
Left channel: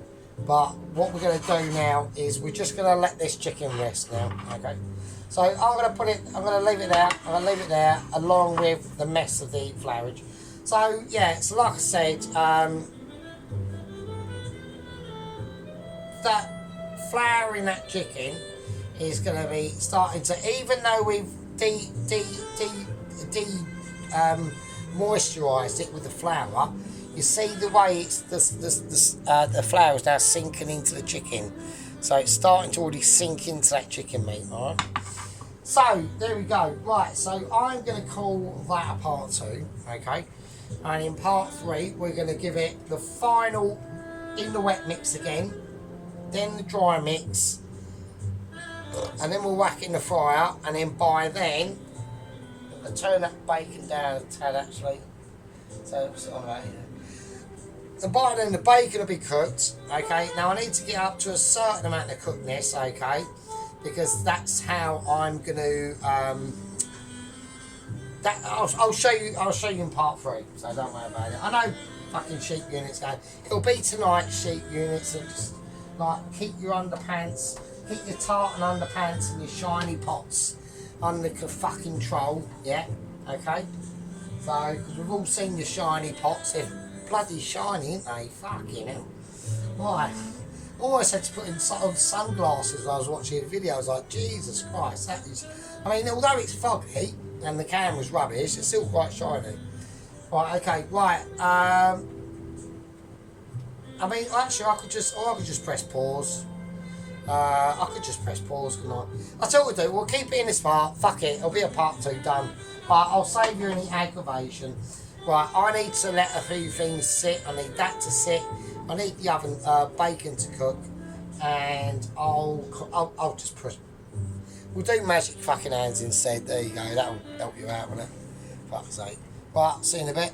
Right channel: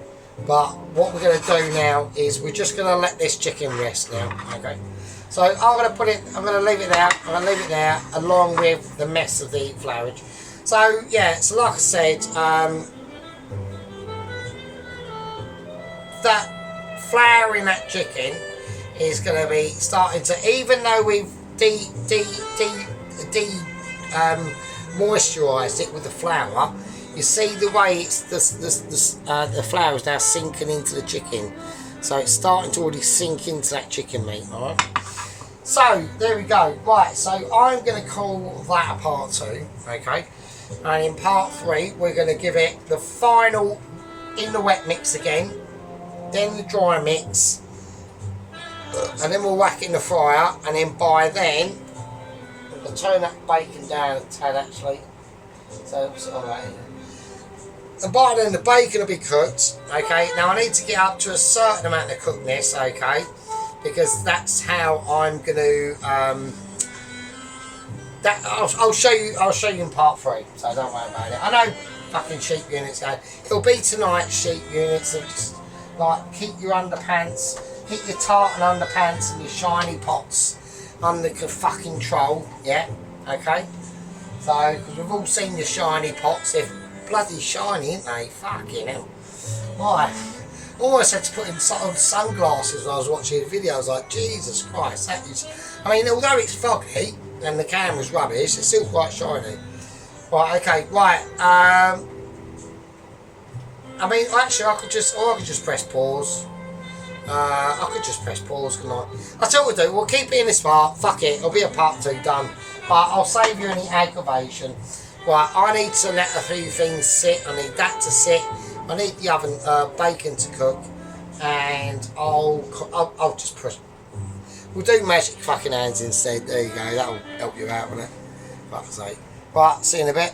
But what we're going to do now is we're just going to let this chicken rest now, okay? So I'm going to put it, I'm going to leave it there, I'm going to leave it there along with the mess of the flourage. So yeah, so like I said, that flour in that chicken is going to be starting to, even though we've moisturised it with the flour, you see the way it's the flour is now sinking into the chicken, so it's starting to already sink into that chicken meat. All right. So there we go. Right. So I'm going to call that a part 2. Okay. And in part 3, we're going to give it the final in the wet mix again, then the dry mix, and then we'll whack it in the fryer. And then by then, I'm going to turn that bacon down a tad actually. So it's on that. And by then the bacon will be cooked. Okay, now I need to get up to a certain amount of cookness, okay, because that's how I'm going to I'll show you in part 3, so don't worry about it. I know fucking sheep units going, it'll be tonight, sheep units, and just like keep your underpants, keep your tartan underpants and your shiny pots under fucking control, yeah, okay. So, because we've all seen your shiny pots, they're bloody shiny, ain't they? Fucking hell. Right. I almost had to put in sunglasses when I was watching the video. I was like, Jesus Christ, that is... I mean, although it's foggy and the camera's rubbish, it's still quite shiny. Right, okay, right. I mean, actually, I could just press pause. I could just press pause, couldn't I? I'll tell you what we'll do. We'll keep it in this part. Fuck it. It'll be a part 2 done. But I'll save you any aggravation. Right, I need to let a few things sit. I need that to sit. I need the oven, bacon to cook. And I'll just push. We'll do magic fucking hands instead. There you go. That'll help you out with it. Fuck's sake. Right, see you in a bit.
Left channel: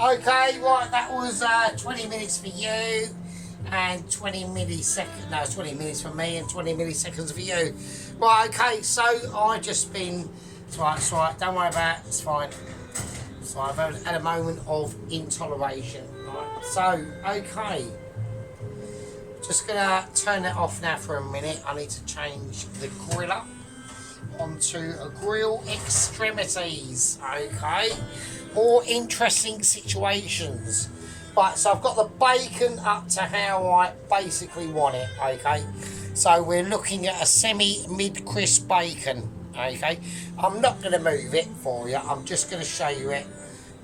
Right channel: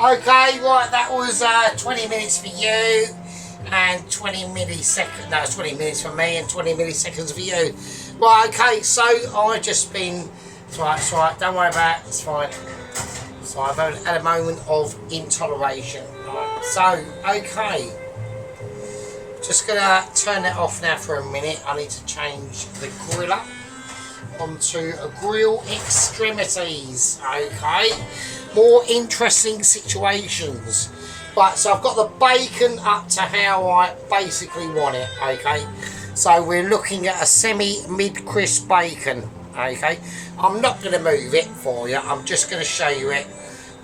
Okay, right, that was 20 minutes for you. And 20 milliseconds, no, it's 20 minutes for me and 20 milliseconds for you. Right, okay, so I've just been, it's right, don't worry about it, it's fine. So I've had a moment of intoleration. Right, so, okay. Just gonna turn it off now for a minute. I need to change the griller onto a grill extremities, okay. More interesting situations. Right, so I've got the bacon up to how I basically want it, okay? So we're looking at a semi-mid-crisp bacon, okay? I'm not going to move it for you, I'm just going to show you it.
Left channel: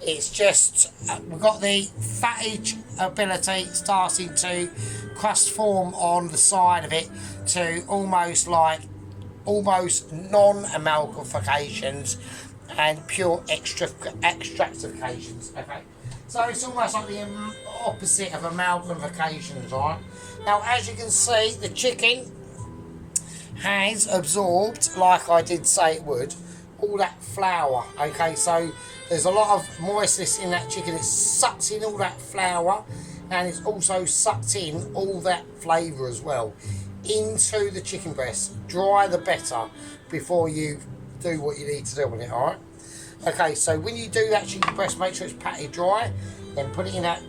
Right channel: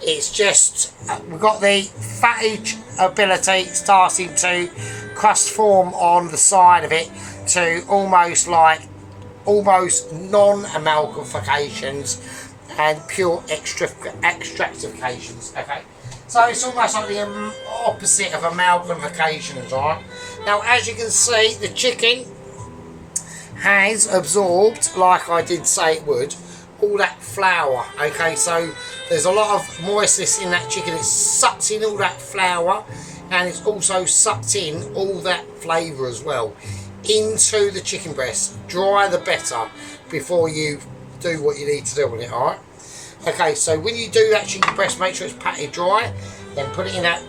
It's just, we've got the fattage ability starting to crust form on the side of it to almost non-amalgamifications and pure extractifications, okay? So it's almost like the opposite of amalgamifications, right? Now, as you can see, the chicken has absorbed, like I did say it would, all that flour, okay? So there's a lot of moistness in that chicken. It sucks in all that flour, and it's also sucked in all that flavour as well into the chicken breast. Dry the better before you do what you need to do with it, alright? Okay, so when you do that chicken breast, make sure it's patted dry, then put it in that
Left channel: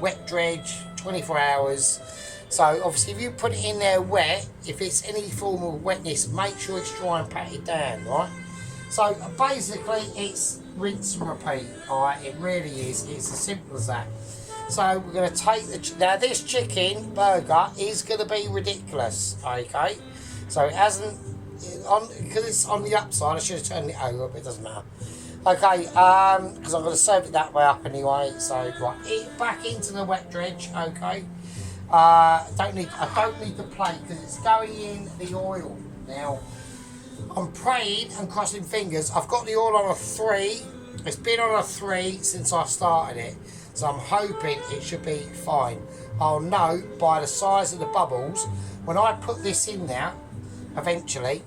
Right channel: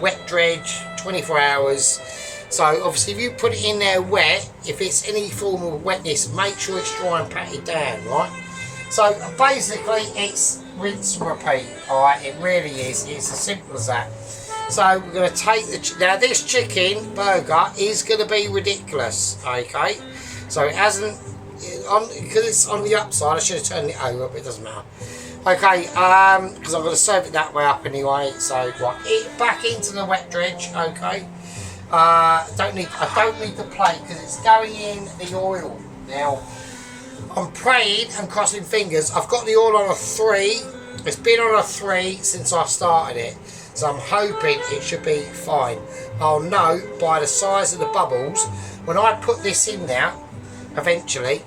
wet dredge, 24 hours. So obviously if you put it in there wet, if it's any form of wetness, make sure it's dry and patted down, right? So basically it's rinse and repeat, alright, it really is, it's as simple as that. So we're going to take now this chicken burger is going to be ridiculous, okay? So it hasn't, because it's on the upside, I should have turned it over, but it doesn't matter. Okay, because I'm going to serve it that way up anyway. So right, it back into the wet dredge. Okay, I don't need the plate because it's going in the oil. Now I'm praying and crossing fingers. I've got the oil on a 3. It's been on a 3 since I started it, so I'm hoping it should be fine. I'll know by the size of the bubbles when I put this in now. Eventually,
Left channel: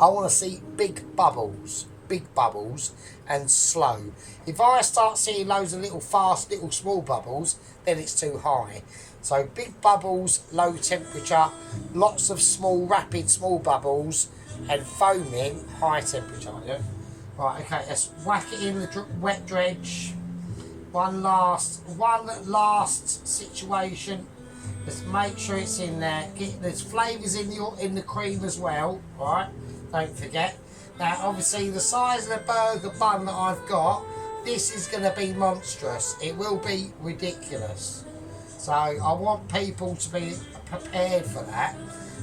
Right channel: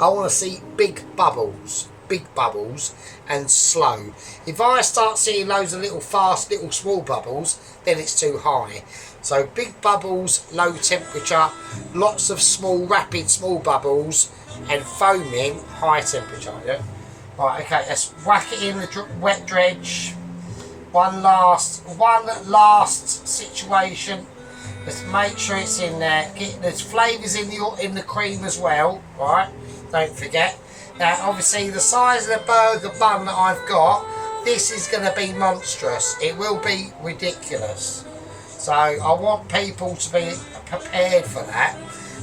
I want to see big bubbles and slow. If I start seeing loads of little fast, little small bubbles, then it's too high. So big bubbles, low temperature, lots of small, rapid small bubbles, and foaming, high temperature. Yeah. Right. Okay. Let's whack it in the wet dredge. One last situation Just make sure it's in there. There's flavours in the cream as well, right? Don't forget. Now, obviously, the size of the burger bun that I've got, this is going to be monstrous. It will be ridiculous. So I want people to be prepared for that.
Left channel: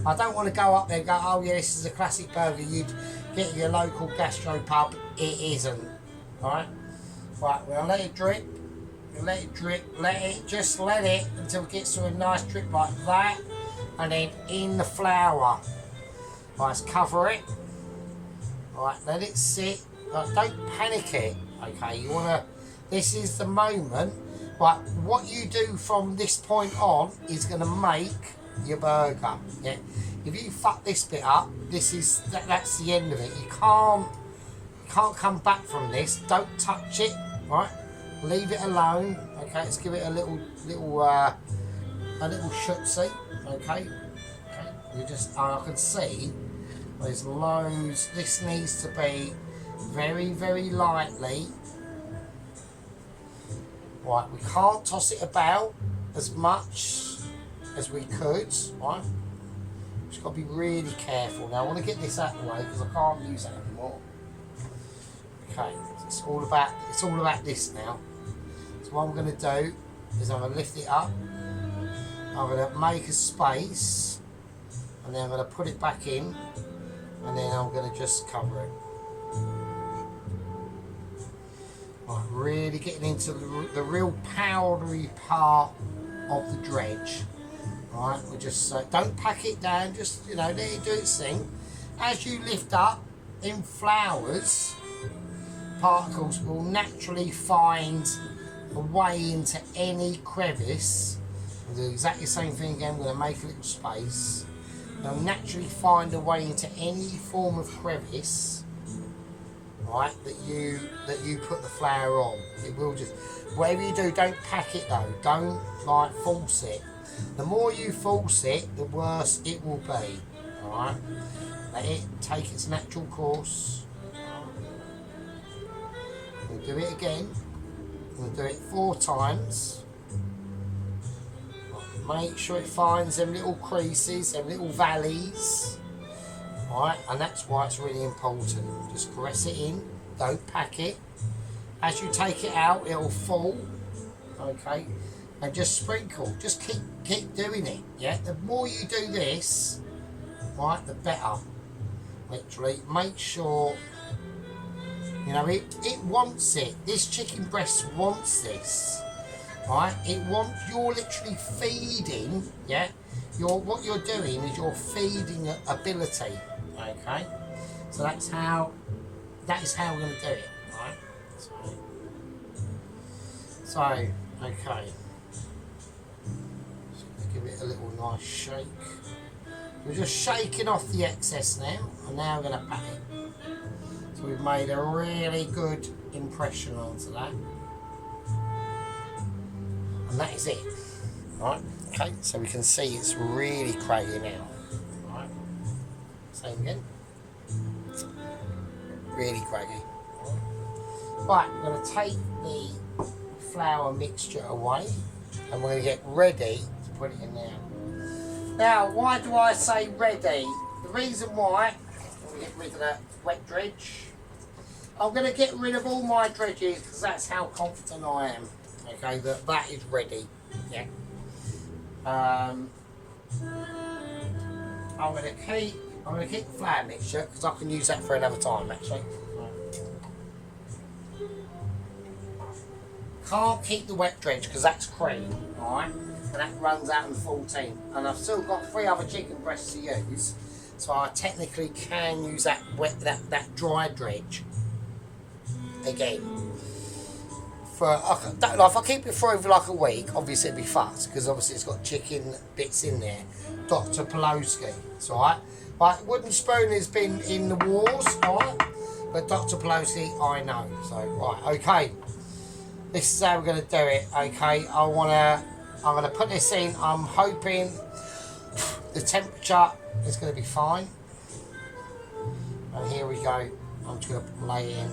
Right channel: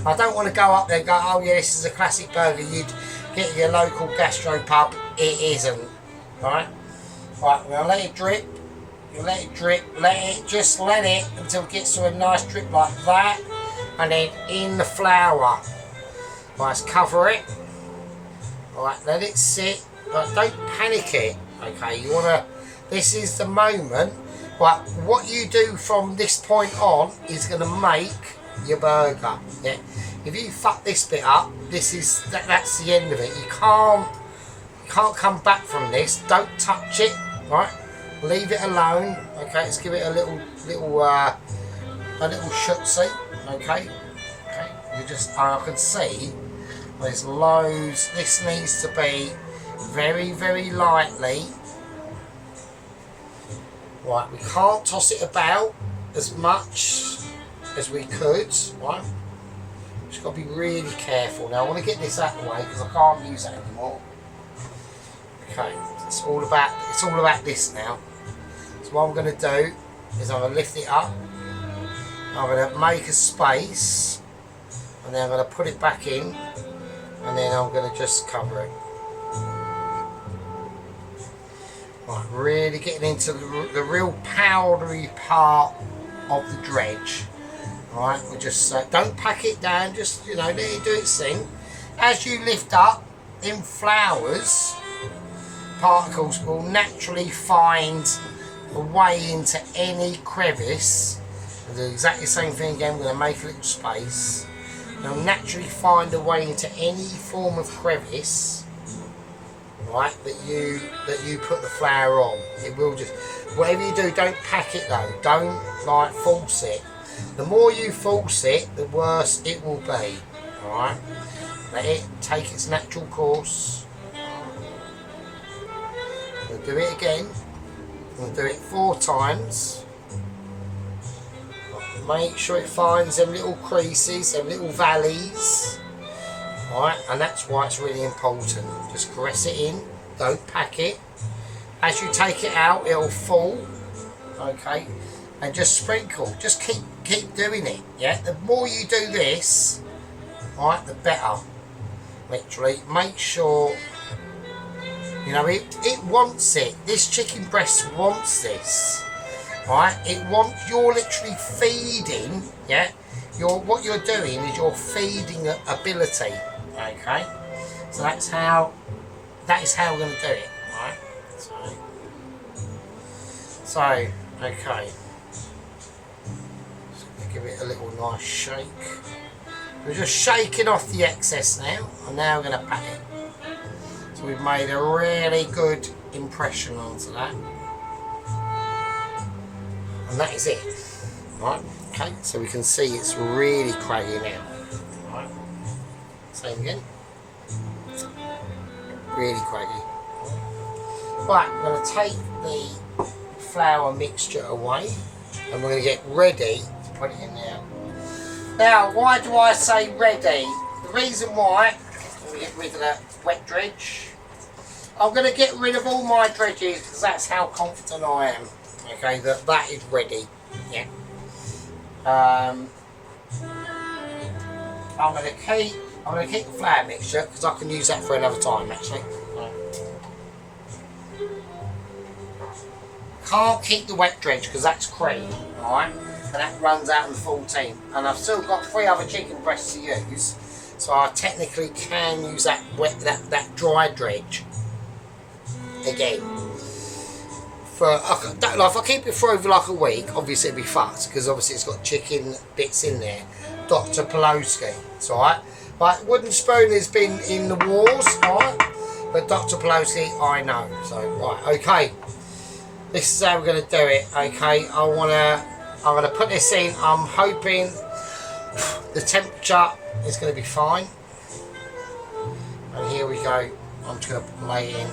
I don't want to go up there and go, oh yeah, this is a classic burger you'd get in your local gastro pub. It isn't, right? Right, we're going to let it drip. You let it drip, just let it until it gets to a nice drip like that, and then in the flour. Right, let's cover it. Right, let it sit, but don't panic it. Okay, you wanna. This is the moment. Right, what you do from this point on is gonna make your burger. Yeah, if you fuck this bit up, that's the end of it. You can't come back from this. Don't touch it. Right. Leave it alone, okay. Let's give it a little shootsy, okay. You just, I can see there's loads. This needs to be very, very lightly. Right, we can't toss it about as much as we could. Right, just got to be really careful. Now I want to get this out of the way because I can't use that anymore. Okay, it's all about this now. What I'm going to do is I'm going to lift it up, I'm going to make a space, and then I'm going to put it back in, and then I'm going to just cover it. Right, really getting into the real powdery part of the dredge. Right, we just don't pack it down, just let it do its thing. As you lift up in flours, particles will naturally find a way into any crevice. I'll do exactly the same thing again. We're going to make a little space. They'll naturally find a way into any form of crevice, right, that you put the flour on. It will just, whatever you do, don't pack it though. Don't force it. The more you force it, the worse it will be. Alright? Let it take its natural course. We'll do it again. We'll do it 4 times. Make sure it finds them little creases, them little valleys. Alright, and that's why it's really important. Just caress it in, don't pack it. As you take it out, it'll fall. Okay, and just sprinkle. Just keep doing it. Yeah, the more you do this, alright, the better. Literally, make sure. It wants it. This chicken breast wants this. Right? You're literally feeding, yeah? What you're doing is you're feeding ability. Okay? So that is how we're gonna do it, right? So okay. Just gonna give it a little nice shake. We're just shaking off the excess now, and now we're gonna pack it. We've made a really good impression onto that, and that is it. Right, okay, so we can see it's really craggy now. Right, same again, really craggy. Right, I'm going to take the flour mixture away, and we're going to get ready to put it in there. Now, why do I say ready? The reason why, we get rid of that wet dredge. I'm going to get rid of all my dredges because that's how confident I am. Okay, that is ready. Yeah. I'm going to keep the flour mixture because I can use that for another time actually. Can't keep the wet dredge because that's cream, alright? And that runs out on the 14th. And I've still got 3 other chicken breasts to use, so I technically can use that that dry dredge again. If I keep it for over like a week, obviously it'll be fucked because obviously it's got chicken bits in there. Dr. Pawlowski, it's alright. But Wooden Spoon has been in the wars, alright? But Dr. Pawlowski, I know. So, right, okay. This is how we're going to do it, okay? I'm going to put this in. I'm hoping the temperature is going to be fine. And here we go. I'm just going to lay it in.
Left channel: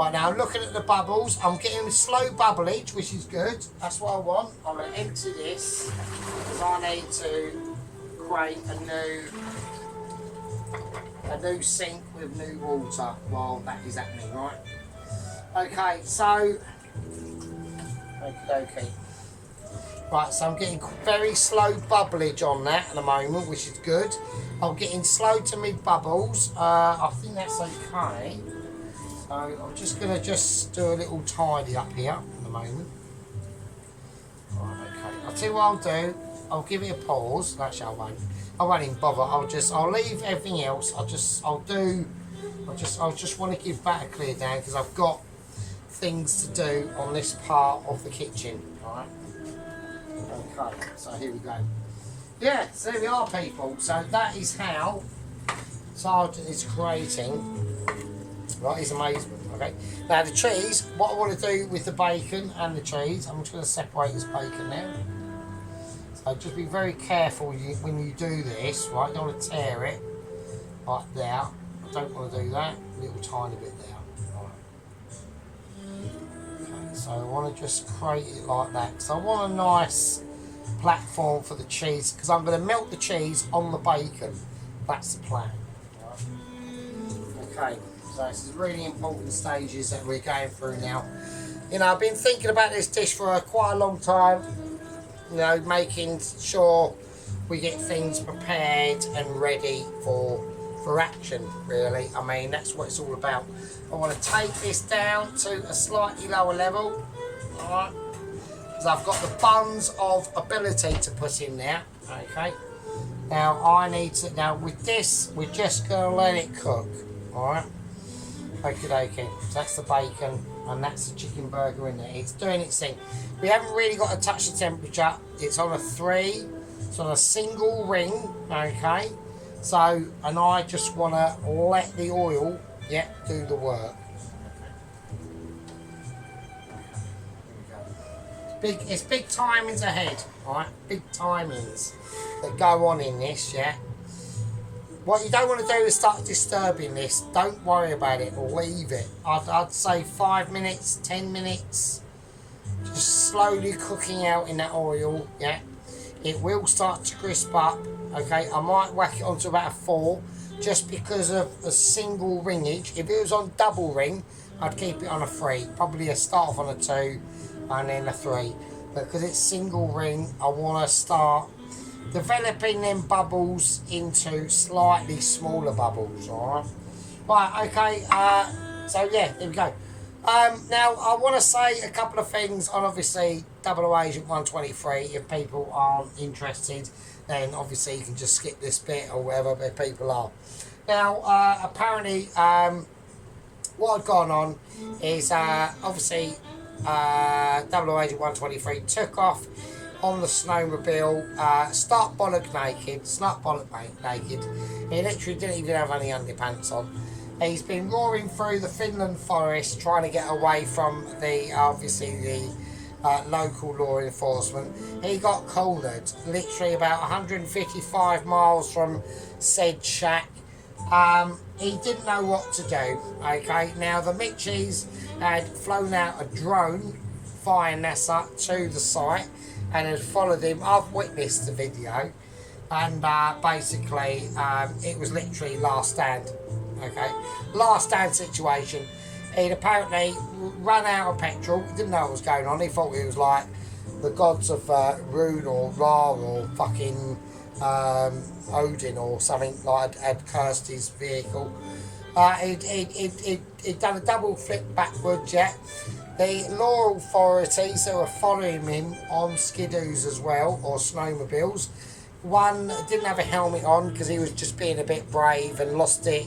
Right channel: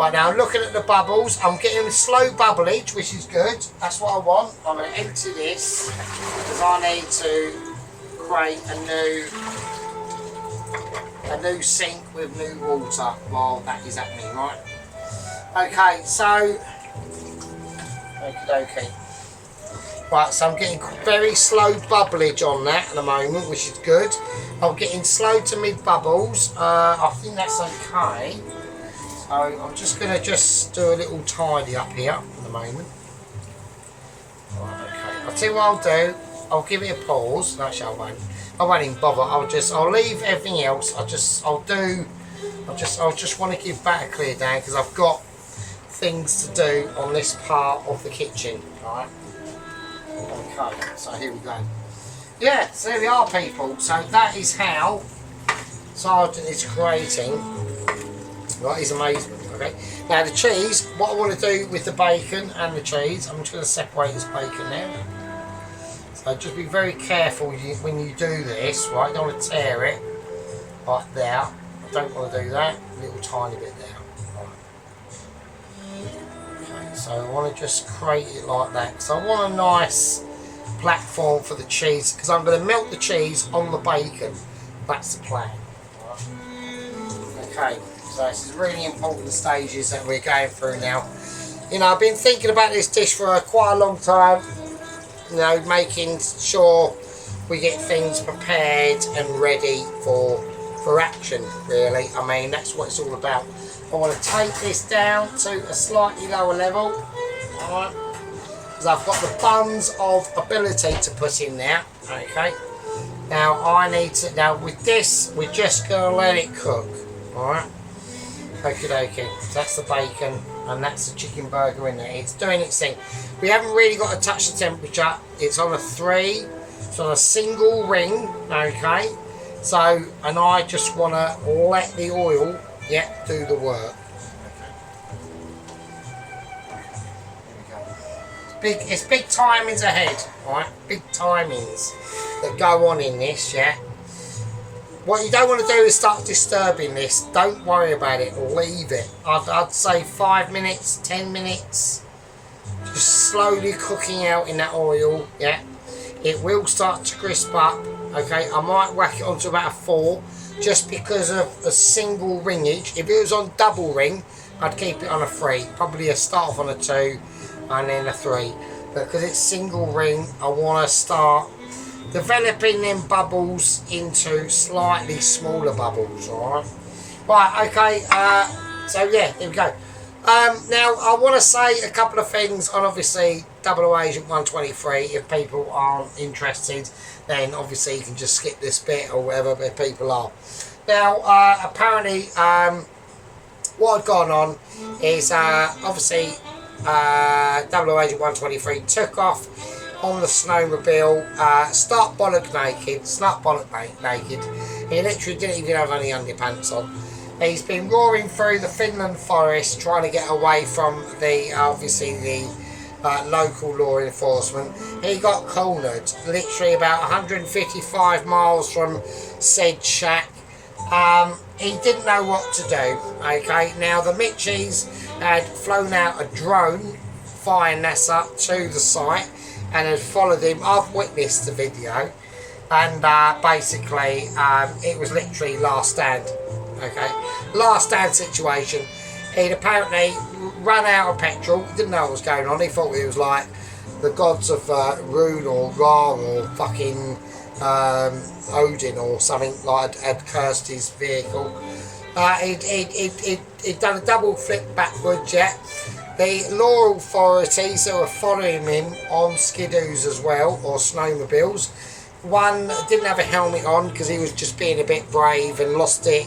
Right, now I'm looking at the bubbles. I'm getting slow bubblage, which is good. That's what I want. I'm going to empty this because I need to create a new sink with new water while that is happening, right? Okay, so okay. Right, so I'm getting very slow bubblage on that at the moment, which is good. I'm getting slow to mid bubbles. I think that's okay. So I'm just going to do a little tidy up here for the moment. Right, okay. I'll tell you what I'll do. I'll give it a pause. Actually, I won't even bother. I'll leave everything else. I just want to give that a clear down because I've got things to do on this part of the kitchen. Right. Okay. So here we go. Yeah. So there we are, people. So that is how Sergeant is creating. Right, his amazement. Okay. Now the cheese. What I want to do with the bacon and the cheese, I'm just going to separate this bacon now. So just be very careful when you do this, right? You don't want to tear it right there. I don't want to do that. A little tiny bit there. Right. Okay, so I want to just create it like that because I want a nice platform for the cheese because I'm going to melt the cheese on the bacon. That's the plan. Right. Okay, so this is really important stages that we're going through now. You know, I've been thinking about this dish for quite a long time. You know, making sure we get things prepared and ready for action, really. I mean, that's what it's all about. I want to take this down to a slightly lower level, alright, because I've got the buns of ability to put in there, okay. Now, now with this, we're just going to let it cook, alright. Okay, so that's the bacon and that's the chicken burger in there. It's doing its thing. We haven't really got to touch the temperature. It's on a 3, it's on a single ring, okay. So, and I just want to let the oil, do the work. It's big timings ahead, right? Big timings that go on in this, yeah. What you don't want to do is start disturbing this. Don't worry about it. Leave it. I'd say 5 minutes, 10 minutes. Just slowly cooking out in that oil. Yeah. It will start to crisp up. Okay. I might whack it onto about a 4 just because of a single ringage. If it was on double ring, I'd keep it on a 3. Probably start off on a 2 and then a 3. But because it's single ring, I want to start developing them bubbles into slightly smaller bubbles, alright? Right, okay, so yeah, there we go. Now, I want to say a couple of things on obviously 00 Agent 123. If people aren't interested, then obviously you can just skip this bit or whatever, but people are. Now, apparently, what had gone on is obviously 00 Agent 123 took off on the snowmobile, stark bollock naked. He literally didn't even have any underpants on. He's been roaring through the Finland forest trying to get away from the local law enforcement. He got cornered literally about 155 miles from said shack. He didn't know what to do. Okay, now the Mitchies had flown out a drone via NASA to the site and had followed him. I've witnessed the video, and basically it was literally last stand. Okay, last stand situation. He'd apparently run out of petrol, didn't know what was going on. He thought it was like the gods of Rune or Ra or fucking Odin or something like had cursed his vehicle. He'd done a double flip backwards, yeah. The law authorities that were following him on skidoos as well, or snowmobiles. One didn't have a helmet on because he was just being a bit brave and lost it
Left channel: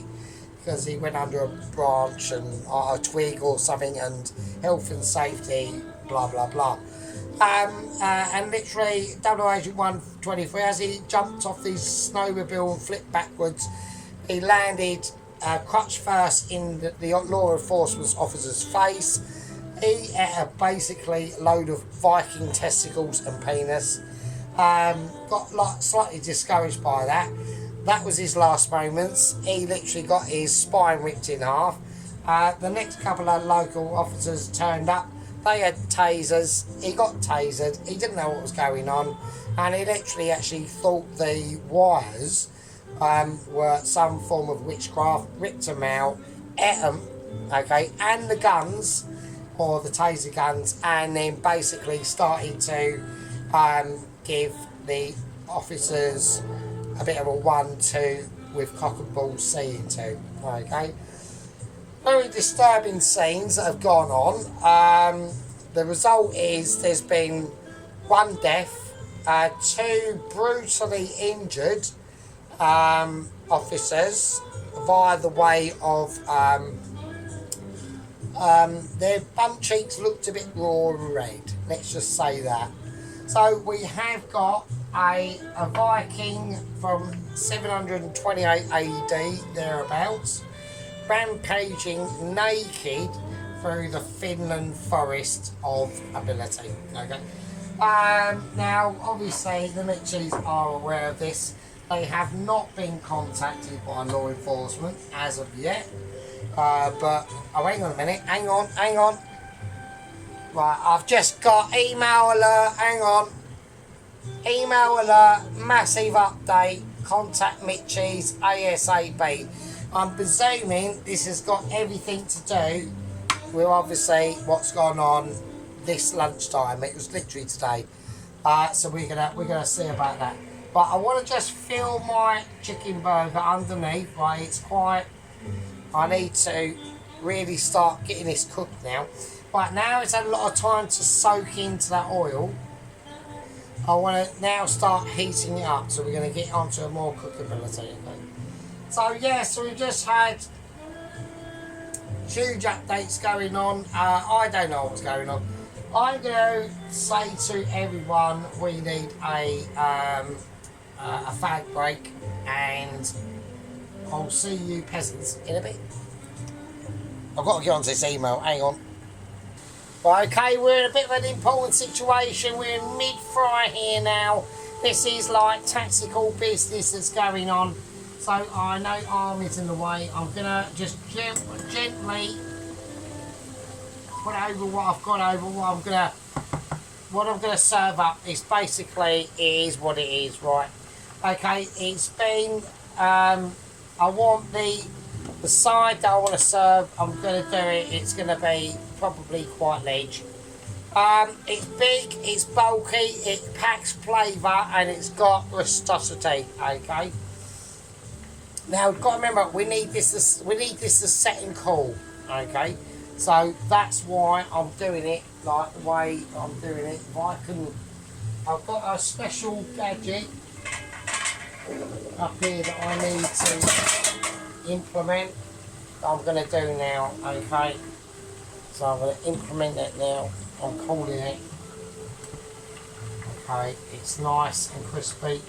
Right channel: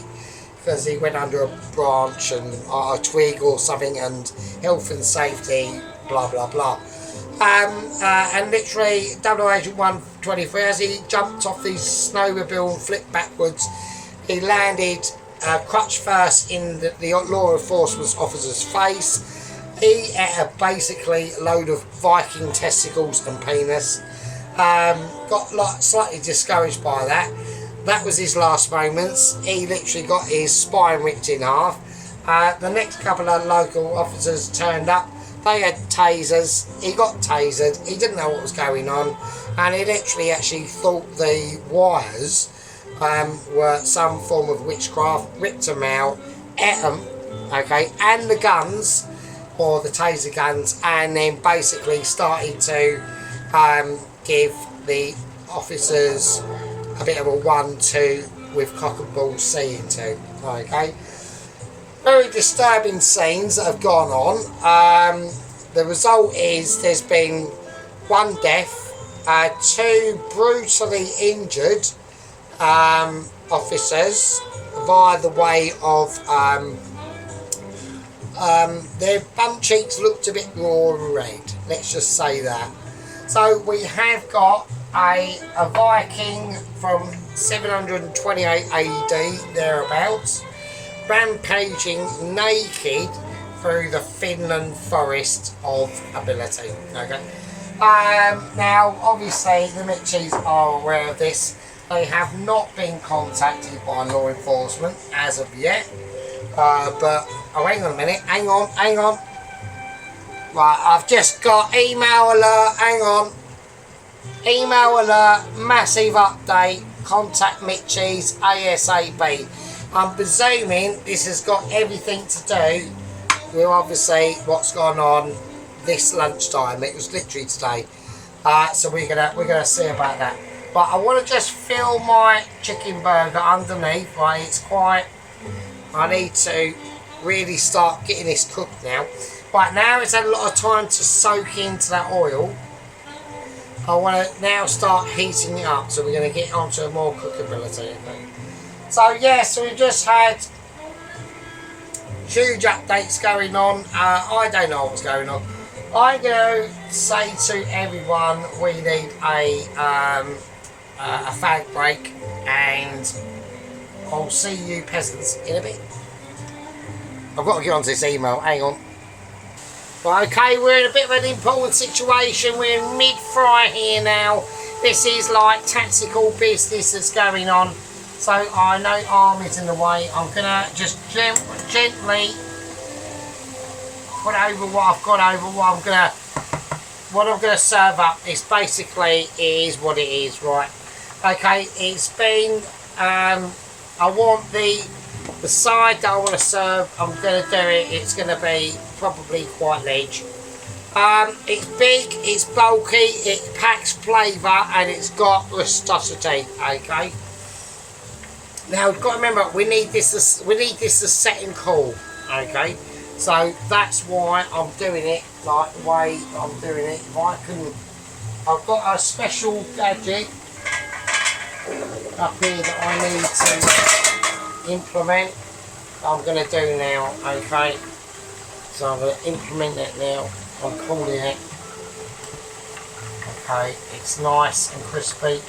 because he went under a branch and a twig or something, and health and safety, blah blah blah. And literally 00 Agent 123, as he jumped off his snowmobile and flipped backwards, he landed crutch first in the law enforcement officer's face. He ate basically a load of Viking testicles and penis. Got slightly discouraged by that. That was his last moments. He literally got his spine ripped in half. The next couple of local officers turned up. They had tasers. He got tasered. He didn't know what was going on, and he literally actually thought the wires were some form of witchcraft. Ripped them out, ate them, okay, and the guns, or the taser guns, and then basically started to give the officers a bit of a 1-2 with cock and ball seeing to. Okay. Very disturbing scenes that have gone on. The result is there's been 1 death, 2 brutally injured officers via the way of their bum cheeks looked a bit raw and red. Let's just say that. So we have got a Viking from 728 AD thereabouts, rampaging naked through the Finland forest of ability. Okay. Now, obviously, the Mitchies are aware of this. They have not been contacted by law enforcement as of yet. But oh, hang on a minute. Hang on. Right, I've just got email alert. Hang on. Email alert. Massive update. Contact Mitchies ASAP. I'm presuming this has got everything to do with obviously what's gone on this lunchtime. It was literally today. So we're gonna see about that. But I want to just fill my chicken burger underneath. Right, it's quite. I need to really start getting this cooked now. Right, now it's had a lot of time to soak into that oil. I want to now start heating it up, so we're going to get onto more cookability. So yeah, so we've just had huge updates going on. I don't know what's going on. I'm going to say to everyone we need a fag break, and I'll see you peasants in a bit. I've got to get onto this email, hang on. Right, okay, we're in a bit of an important situation. We're in mid-fry here now. This is like tactical business that's going on. So I know army's in the way. I'm going to just gently put over what I've got over. What I'm gonna serve up is basically is what it is, right? Okay, it's been I want the side that I want to serve. I'm gonna do it. It's gonna be probably quite large. It's big, it's bulky, it packs flavour, and it's got rusticity. Okay. Now we've got to remember we need this to set and cool. Okay. So that's why I'm doing it like the way I'm doing it. If I can, I've got a special gadget up here that I need to implement. I'm going to do now. Okay. So I'm going to implement that now. I'm calling it. Okay, it's nice and crispy.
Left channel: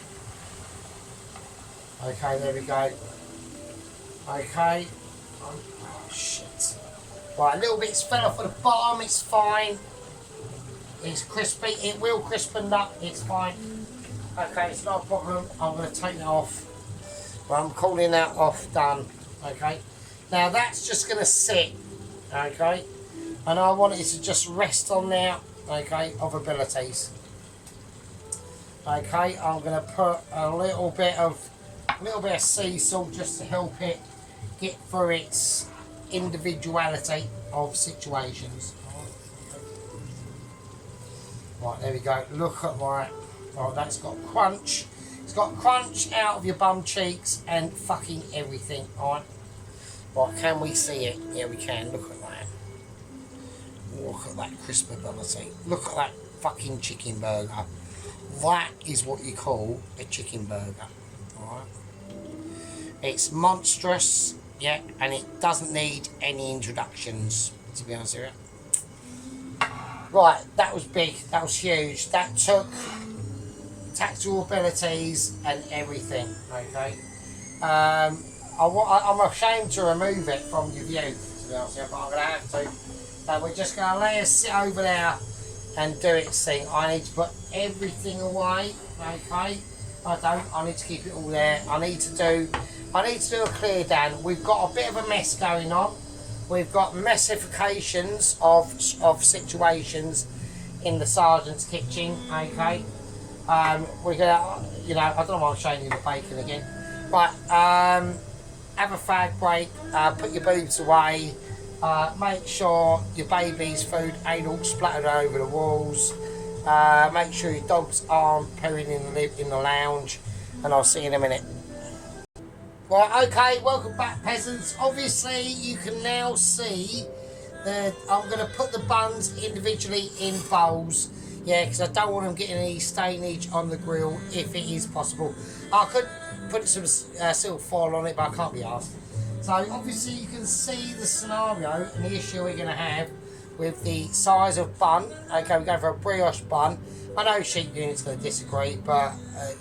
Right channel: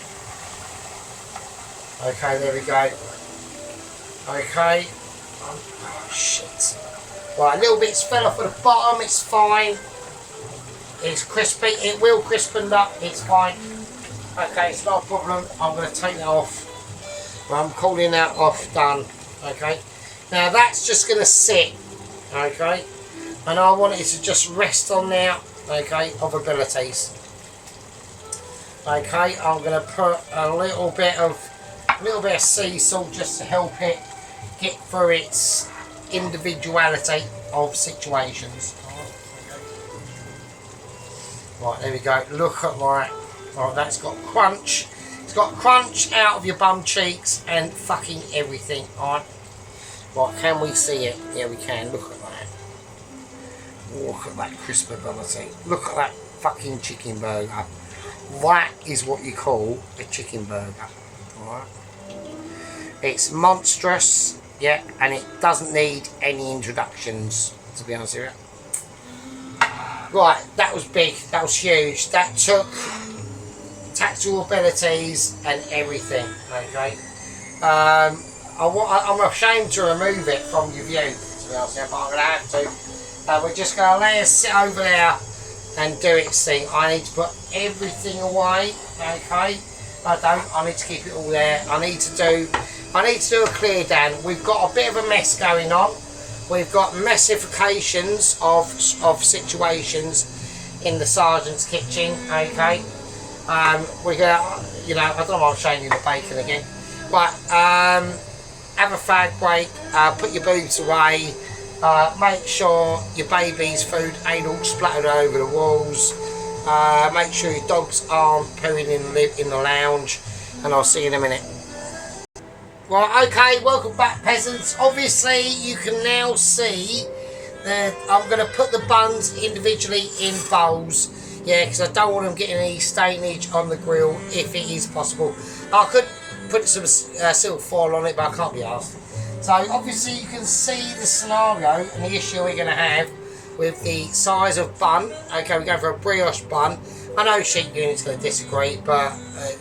Okay, there we go. Okay. Oh shit. Right, a little bit's fell off at the bottom, it's fine. It's crispy, it will crispen up, it's fine. Okay, it's not a problem. I'm going to take that off. Right, I'm calling that off, done. Okay. Now that's just going to sit. Okay. And I want it to just rest on there, okay, of abilities. Okay, I'm going to put a little bit of sea salt just to help it get through its individuality of situations. Right, there we go. Look at that. Right, that's got crunch. It's got crunch out of your bum cheeks and fucking everything. Alright. Right, can we see it? Yeah, we can. Look at that. Look at that crisp ability. Look at that fucking chicken burger. That is what you call a chicken burger. Alright. It's monstrous, yeah, and it doesn't need any introductions, to be honest with you. Right, that was big, that was huge. That took tactical abilities and everything, okay. I'm ashamed to remove it from your view, to be honest with you, but I'm going to have to. We're just going to let it sit over there and do its thing. I need to put everything away, okay. I need to keep it all there. I need to do a clear down. We've got a bit of a mess going on. we've got messifications of situations in the sergeant's kitchen. Okay, we're gonna, you know, I don't know why I'm showing you the bacon again, but have a fag break, put your boobs away, make sure your baby's food ain't all splattered over the walls, make sure your dogs aren't pooing in the lounge, and I'll see you in a minute. Right, okay, welcome back, peasants. Obviously, you can now see that I'm going to put the buns individually in bowls, yeah, because I don't want them getting any stainage on the grill, if it is possible. I could put some silver foil on it, but I can't be asked. So, obviously, you can see the scenario and the issue we're going to have with the size of bun. Okay, we're going for a brioche bun. I know Sheep Unit's going to disagree, but,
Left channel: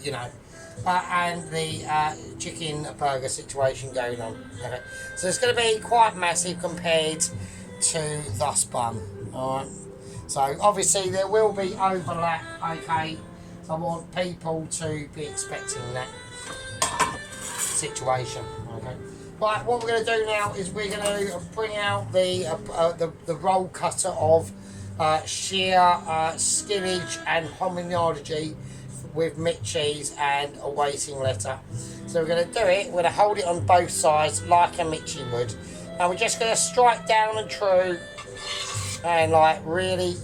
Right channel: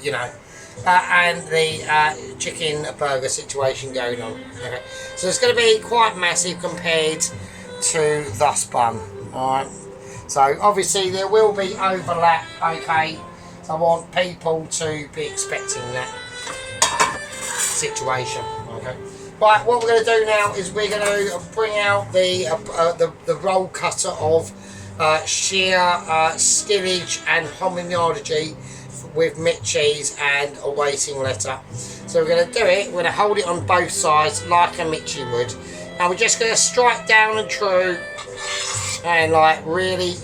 you know, and the chicken burger situation going on. Okay, so it's going to be quite massive compared to this bun. Alright, so obviously there will be overlap. Okay, so I want people to be expecting that situation. Okay, right, what we're going to do now is we're going to bring out the roll cutter of sheer skillage and hominology with mit cheese and a waiting letter. So we're going to do it, we're going to hold it on both sides like a Mitchy would. And we're just going to strike down and true and like really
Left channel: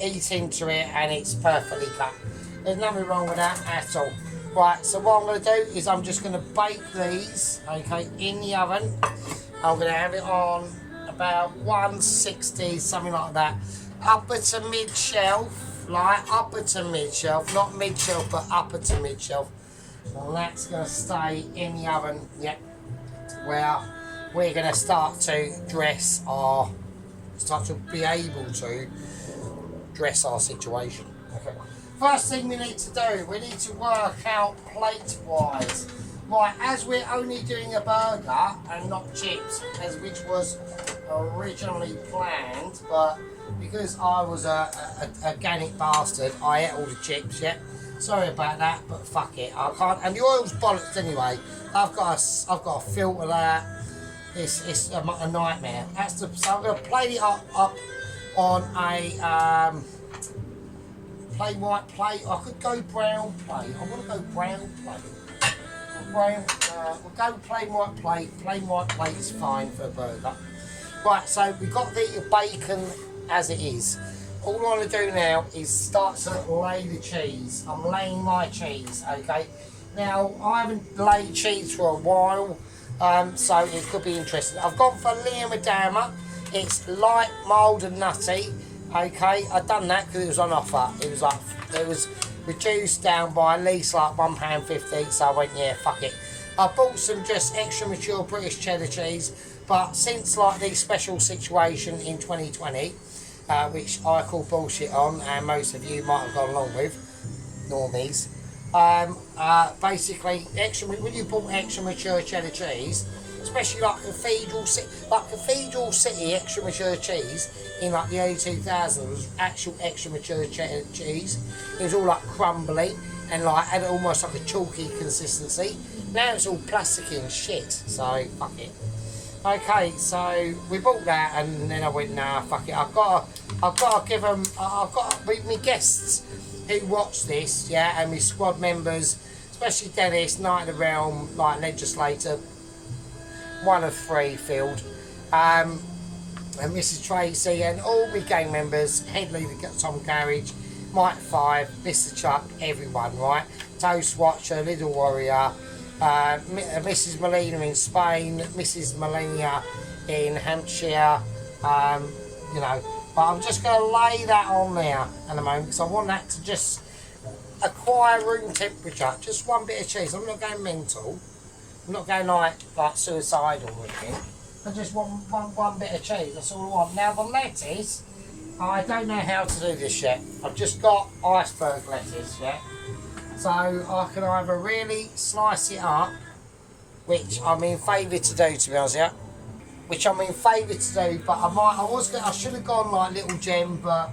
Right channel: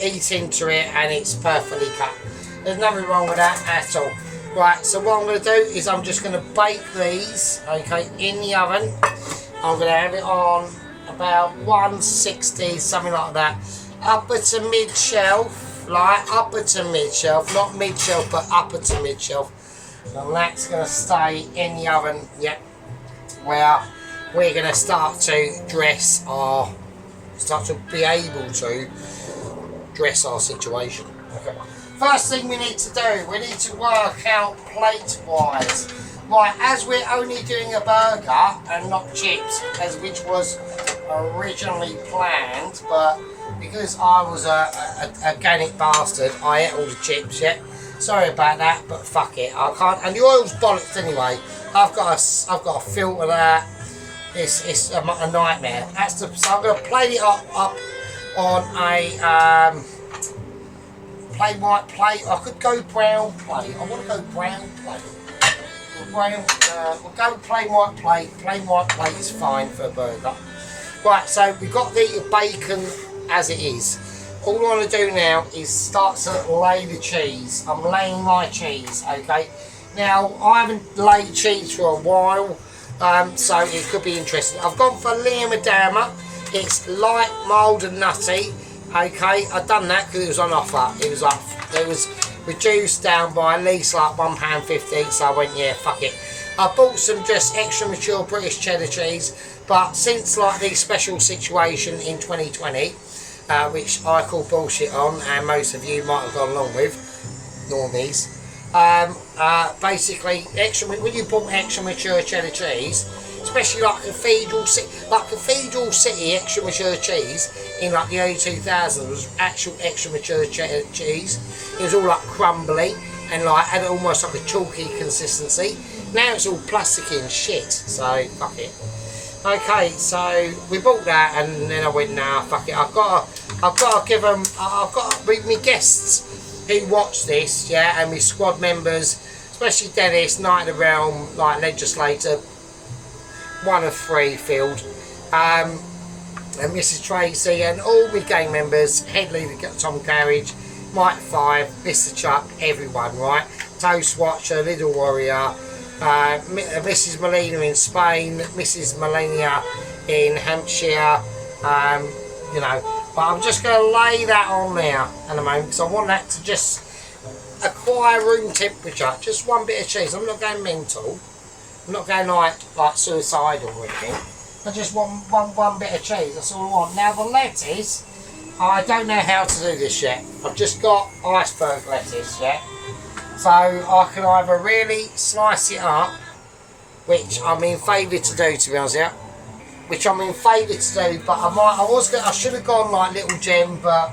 eat into it, and it's perfectly cut. There's nothing wrong with that at all. Right, so what I'm going to do is I'm just going to bake these, okay, in the oven. I'm going to have it on about 160, something like that. Upper to mid shelf. Like upper to mid shelf, not mid shelf, but upper to mid shelf. And that's going to stay in the oven, yeah, where we're going to start to be able to dress our situation. Okay. First thing we need to do, we need to work out plate wise. Right, as we're only doing a burger and not chips, which was originally planned, but because I was a organic bastard, I ate all the chips, yeah. Sorry about that, but fuck it, I can't. And the oil's bollocks anyway. I've got to filter that. It's a nightmare. So I'm going to plate it up on a plain white plate. I could go brown plate. I want to go brown plate. We'll go plain white plate. Plain white plate is fine for a burger. Right, so we've got the bacon as it is. All I want to do now is start to lay the cheese. I'm laying my cheese, okay? Now, I haven't laid cheese for a while, so it could be interesting. I've gone for Lea Madama. It's light, mild and nutty, okay? I've done that because it was on offer. It was reduced down by at least like £1.50, so I went, yeah, fuck it. I bought some just extra mature British cheddar cheese, but since like the special situation in 2020, which I call bullshit on, and most of you might have gone along with, normies, basically, when you bought extra mature cheddar cheese, especially like Cathedral City extra mature cheese in like the early 2000s was actual extra mature cheddar cheese. It was all like crumbly and like had almost like a chalky consistency. Now it's all plasticky and shit, so fuck it. Okay, so we bought that, and then I went, nah, fuck it. I've got to give them. I've got to meet my guests who watch this, yeah, and my squad members, especially Dennis, Knight of the Realm, like legislator, 1 of 3 field, and Mrs. Tracy, and all my gang members, head leader Tom Carriage, Mike 5, Mr. Chuck, everyone, right? Toast Watcher, Little Warrior. Mrs. Molina in Spain, Mrs. Molina in Hampshire, you know, but I'm just going to lay that on there in a moment because I want that to just acquire room temperature, just one bit of cheese. I'm not going mental, I'm not going like suicidal or anything. I just want one bit of cheese, that's all I want. Now the lettuce, I don't know how to do this yet. I've just got iceberg lettuce, yeah. So I can either really slice it up, which I'm in favour to do, to be honest, yeah. Which I'm in favour to do, but I should have gone like Little Gem, but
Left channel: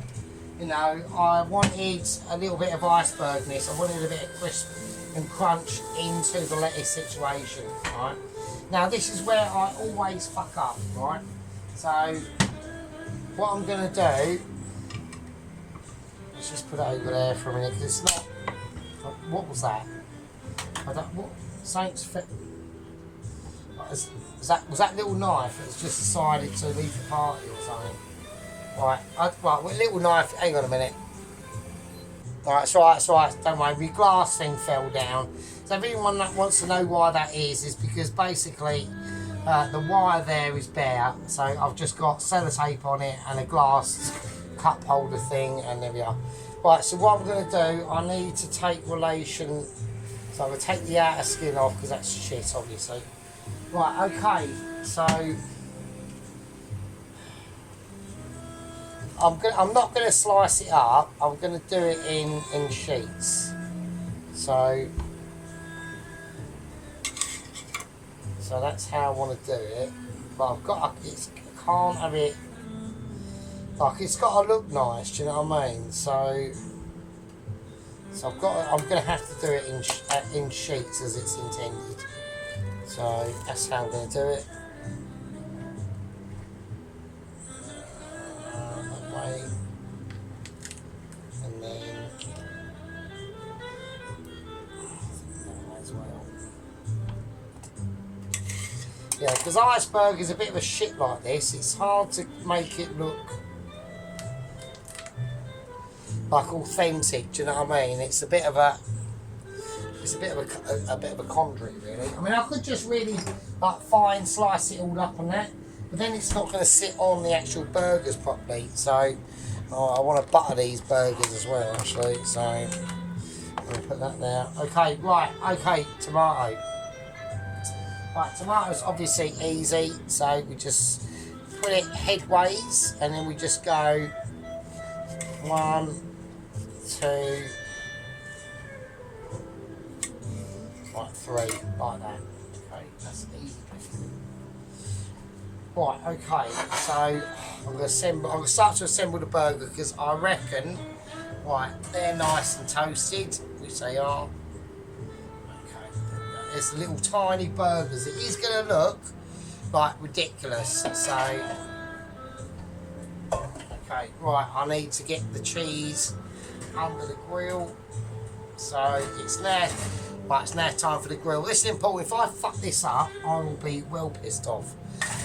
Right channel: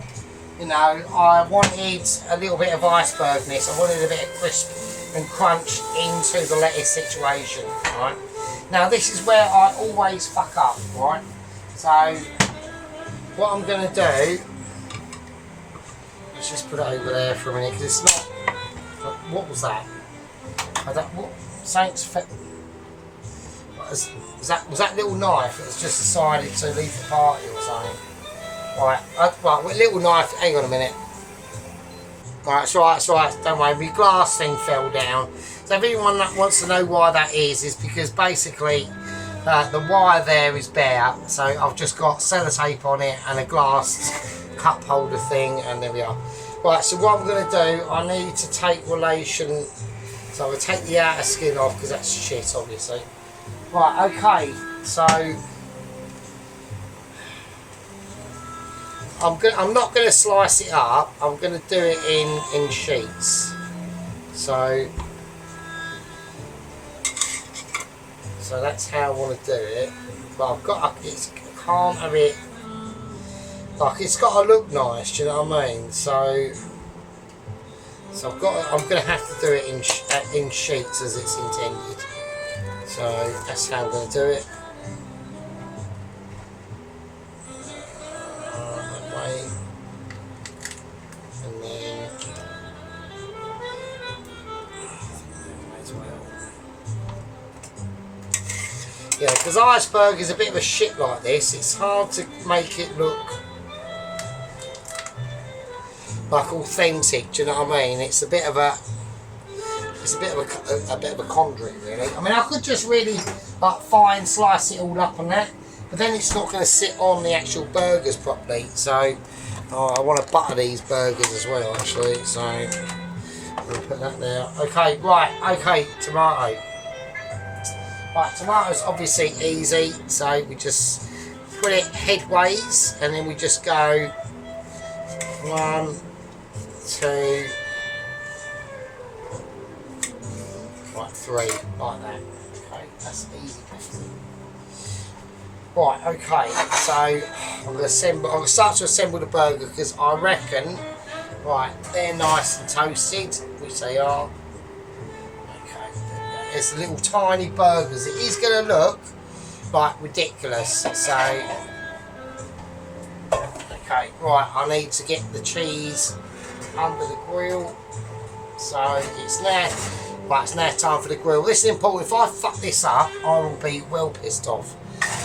you know, I wanted a little bit of icebergness. I wanted a bit of crisp and crunch into the lettuce situation, right? Now this is where I always fuck up, right? So what I'm going to do, let's just put it over there for a minute because it's not. What was that? I don't, what Saints? Was that little knife that was just decided to leave the party or something? Right, right, with a little knife. Hang on a minute. Right, it's right. Don't worry. My glass thing fell down. So if anyone that wants to know why that is because basically the wire there is bare. So I've just got sellotape on it and a glass cup holder thing, and there we are. Right, so what I'm going to do, I need to take relation. So I'm going to take the outer skin off because that's shit, obviously. Right, okay. So I'm not going to slice it up. I'm going to do it in sheets. So that's how I want to do it. But I can't have it. Like, it's got to look nice. Do you know what I mean? So I'm going to have to do it in sheets as it's intended. So that's how I'm going to do it. That way. And then as well. Yeah, because iceberg is a bit of a shit like this. It's hard to make it look like authentic. Do you know what I mean? It's a bit of a conduit, really. I mean, I could just really like fine slice it all up on that, but then it's not going to sit on the actual burgers properly. So I want to butter these burgers as well, actually. So I'm going to put that there. Okay, right. Okay, tomato. Right, tomatoes obviously easy. So we just put it headways, and then we just go 1, 2. 3, like that. Okay, that's easy. Right, okay, so I'm going to start to assemble the burger because I reckon, right, they're nice and toasted, which they are. Okay, there's little tiny burgers. It is going to look like ridiculous. So, okay, right, I need to get the cheese under the grill. So it's there. Right, it's now time for the grill. This is important. If I fuck this up, I will be well pissed off.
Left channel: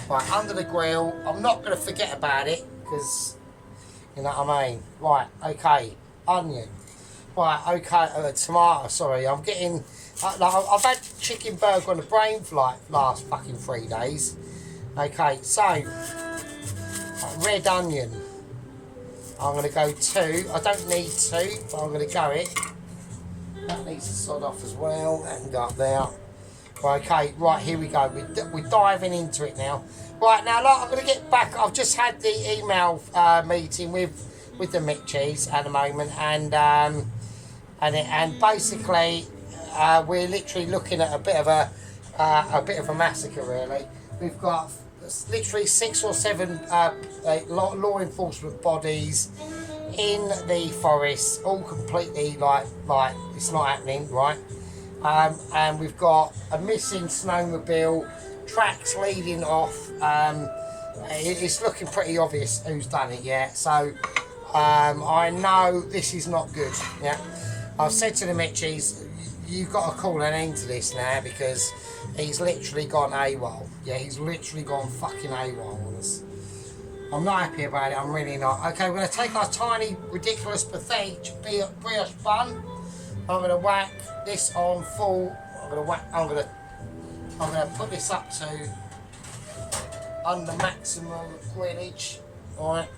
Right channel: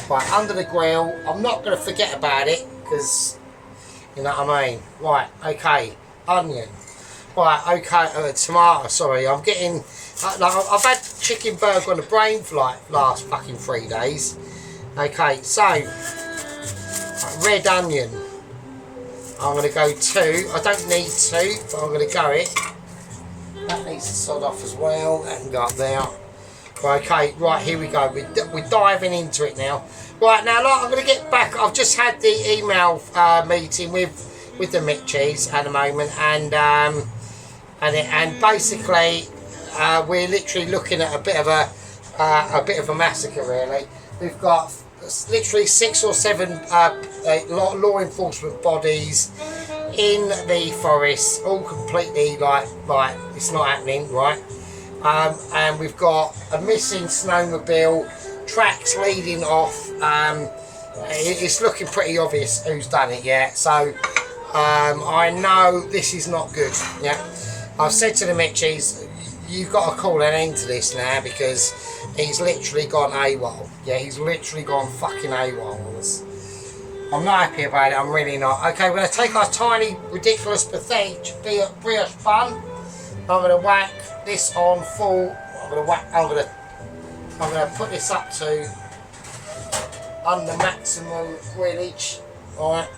Right, under the grill. I'm not going to forget about it because, you know what I mean. Right, okay. Onion. Right, okay. Tomato. Sorry, I'm getting. I've had chicken burger on the brain for like last fucking 3 days. Okay, so red onion. I'm going to go 2. I don't need 2, but I'm going to go it. That needs to sod off as well. That can go up there. Right, okay, right, here we go. We're diving into it now. Right, now, I'm going to get back. I've just had the email meeting with the Mitchies at the moment, and basically we're literally looking at a bit of a massacre, really. We've got literally 6 or 7 law enforcement bodies in the forest, all completely like it's not happening, right? And we've got a missing snowmobile, tracks leading off. It's looking pretty obvious who's done it, yeah. So I know this is not good, yeah. I've said to the Mitchies, you've got to call an end to this now because he's literally gone AWOL. Yeah, he's literally gone fucking AWOL on us. I'm not happy about it, I'm really not. Okay, we're going to take our tiny, ridiculous, pathetic brioche bun. I'm going to whack this on full. I'm going to put this up to under maximum grillage. Alright.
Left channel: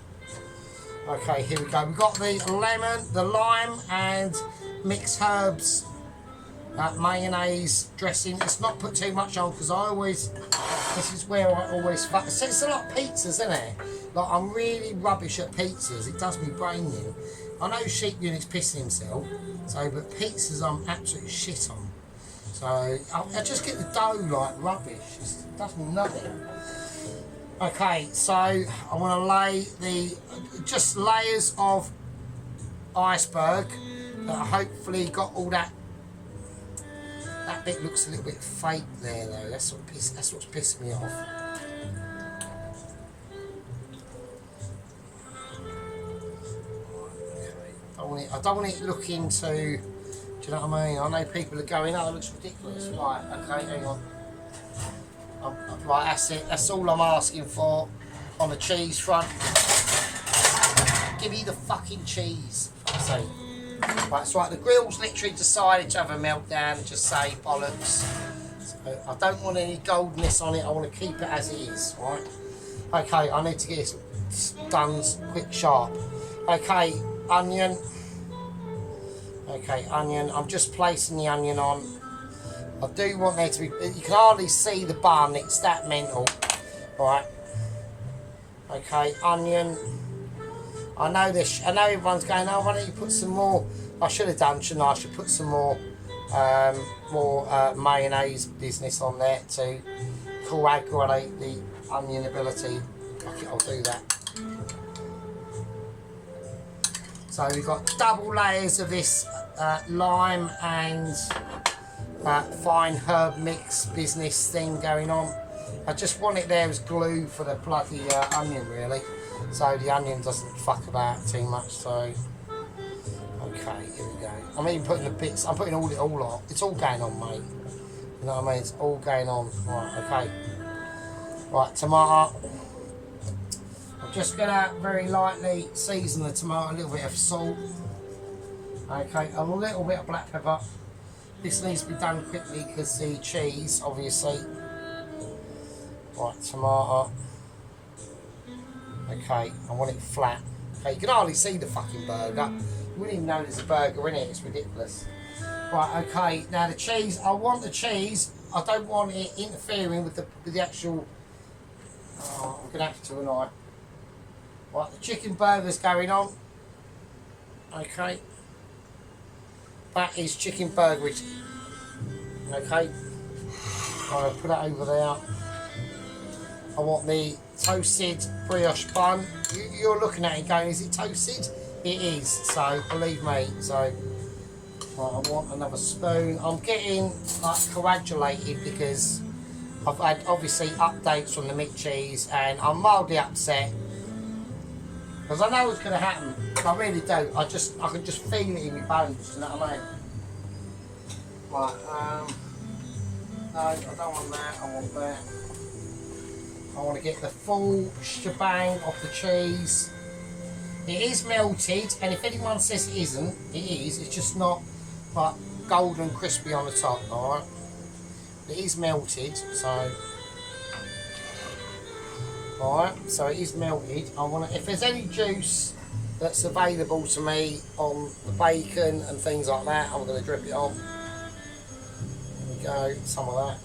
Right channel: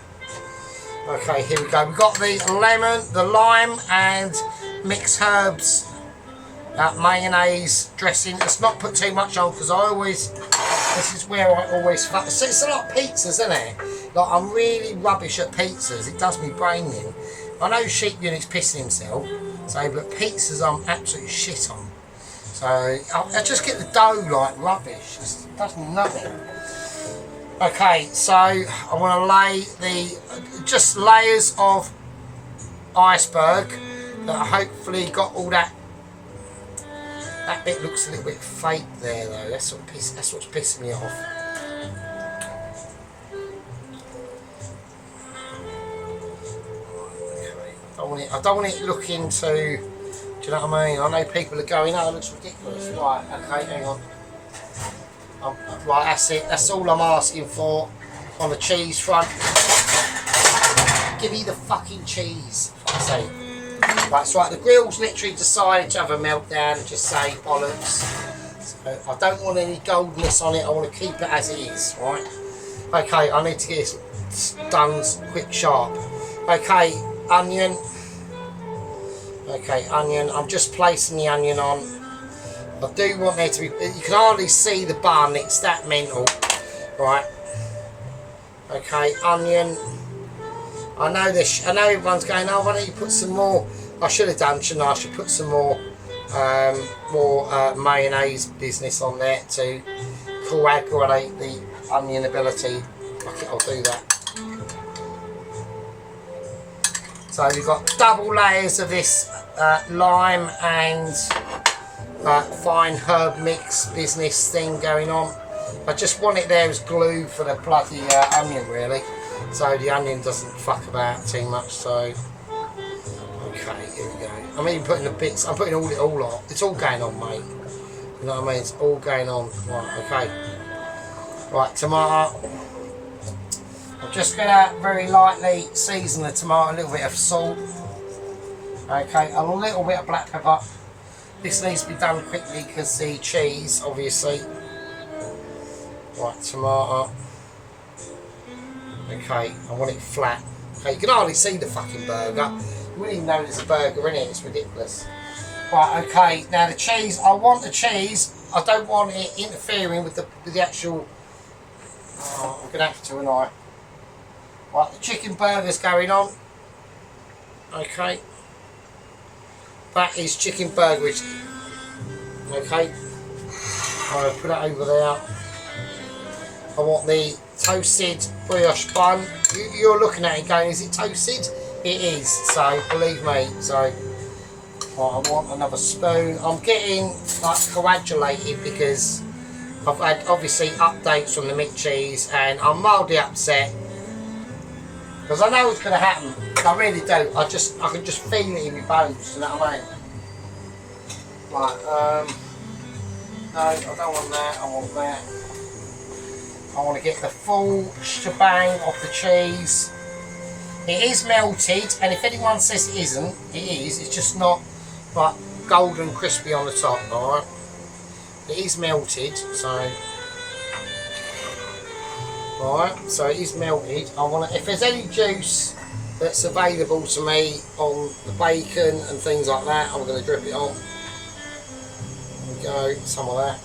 Okay, here we go. We've got the lemon, the lime, and mixed herbs, mayonnaise dressing. Let's not put too much on because this is where I always fuck. It's a lot of pizzas, isn't it? Like, I'm really rubbish at pizzas. It does me brain in. I know Sheep Unit's pissing himself, but pizzas I'm absolutely shit on. So I just get the dough like rubbish. It does me nothing. Okay, so I want to lay just layers of iceberg that hopefully got all that. That bit looks a little bit fake there though. That's what's pissing me off. I don't want it looking too. Do you know what I mean? I know people are going, oh, it looks ridiculous. Right, okay, hang on. Right, that's it. That's all I'm asking for on the cheese front. Give me the fucking cheese, for fuck's sake. Right, so right, the grill's literally decided to have a meltdown and just say bollocks. So I don't want any goldness on it. I want to keep it as it is, right? Okay, I need to get this done quick, sharp. Okay, onion. Okay, onion. I'm just placing the onion on. I do want there to be. You can hardly see the bun. It's that mental, right? Okay, onion. I know this. I know everyone's going. Oh, why don't you put some more? I should have done, shouldn't I? I should put some more, mayonnaise business on there to coagulate the onion ability. Okay, I'll do that. So we've got double layers of this lime and fine herb mix business thing going on. I just want it there as glue for the bloody onion, really, so the onion doesn't fuck about too much. So okay, here we go. I'm even putting the bits. I'm putting all on. It's all going on, mate. You know what I mean? It's all going on. Right, okay. Right, tomato. I'm just gonna very lightly season the tomato. A little bit of salt. Okay, a little bit of black pepper. This needs to be done quickly because the cheese, obviously. Right, tomato. Okay, I want it flat. Okay, you can hardly see the fucking burger. You wouldn't even know there's a burger in it. It's ridiculous. Right, okay. Now the cheese. I want the cheese. I don't want it interfering with the actual. Oh, I'm gonna have to, and I. Right, the chicken burger's going on. Okay. That is chicken burger. Okay. I'm going to put it over there. I want the toasted brioche bun. You're looking at it going, is it toasted? It is, so believe me. So right, I want another spoon. I'm getting like coagulated because I've had obviously updates from the mint cheese and I'm mildly upset. Because I know what's going to happen. I really do. I can just feel it in my bones. You know what I mean? Right. No, I don't want that. I want that. I want to get the full shebang of the cheese. It is melted, and if anyone says it isn't, it is. It's just not like golden crispy on the top. All right. It is melted, so. Alright, so it is melted. I want to, if there's any juice that's available to me on the bacon and things like that, I'm going to drip it on. There we go, some of that.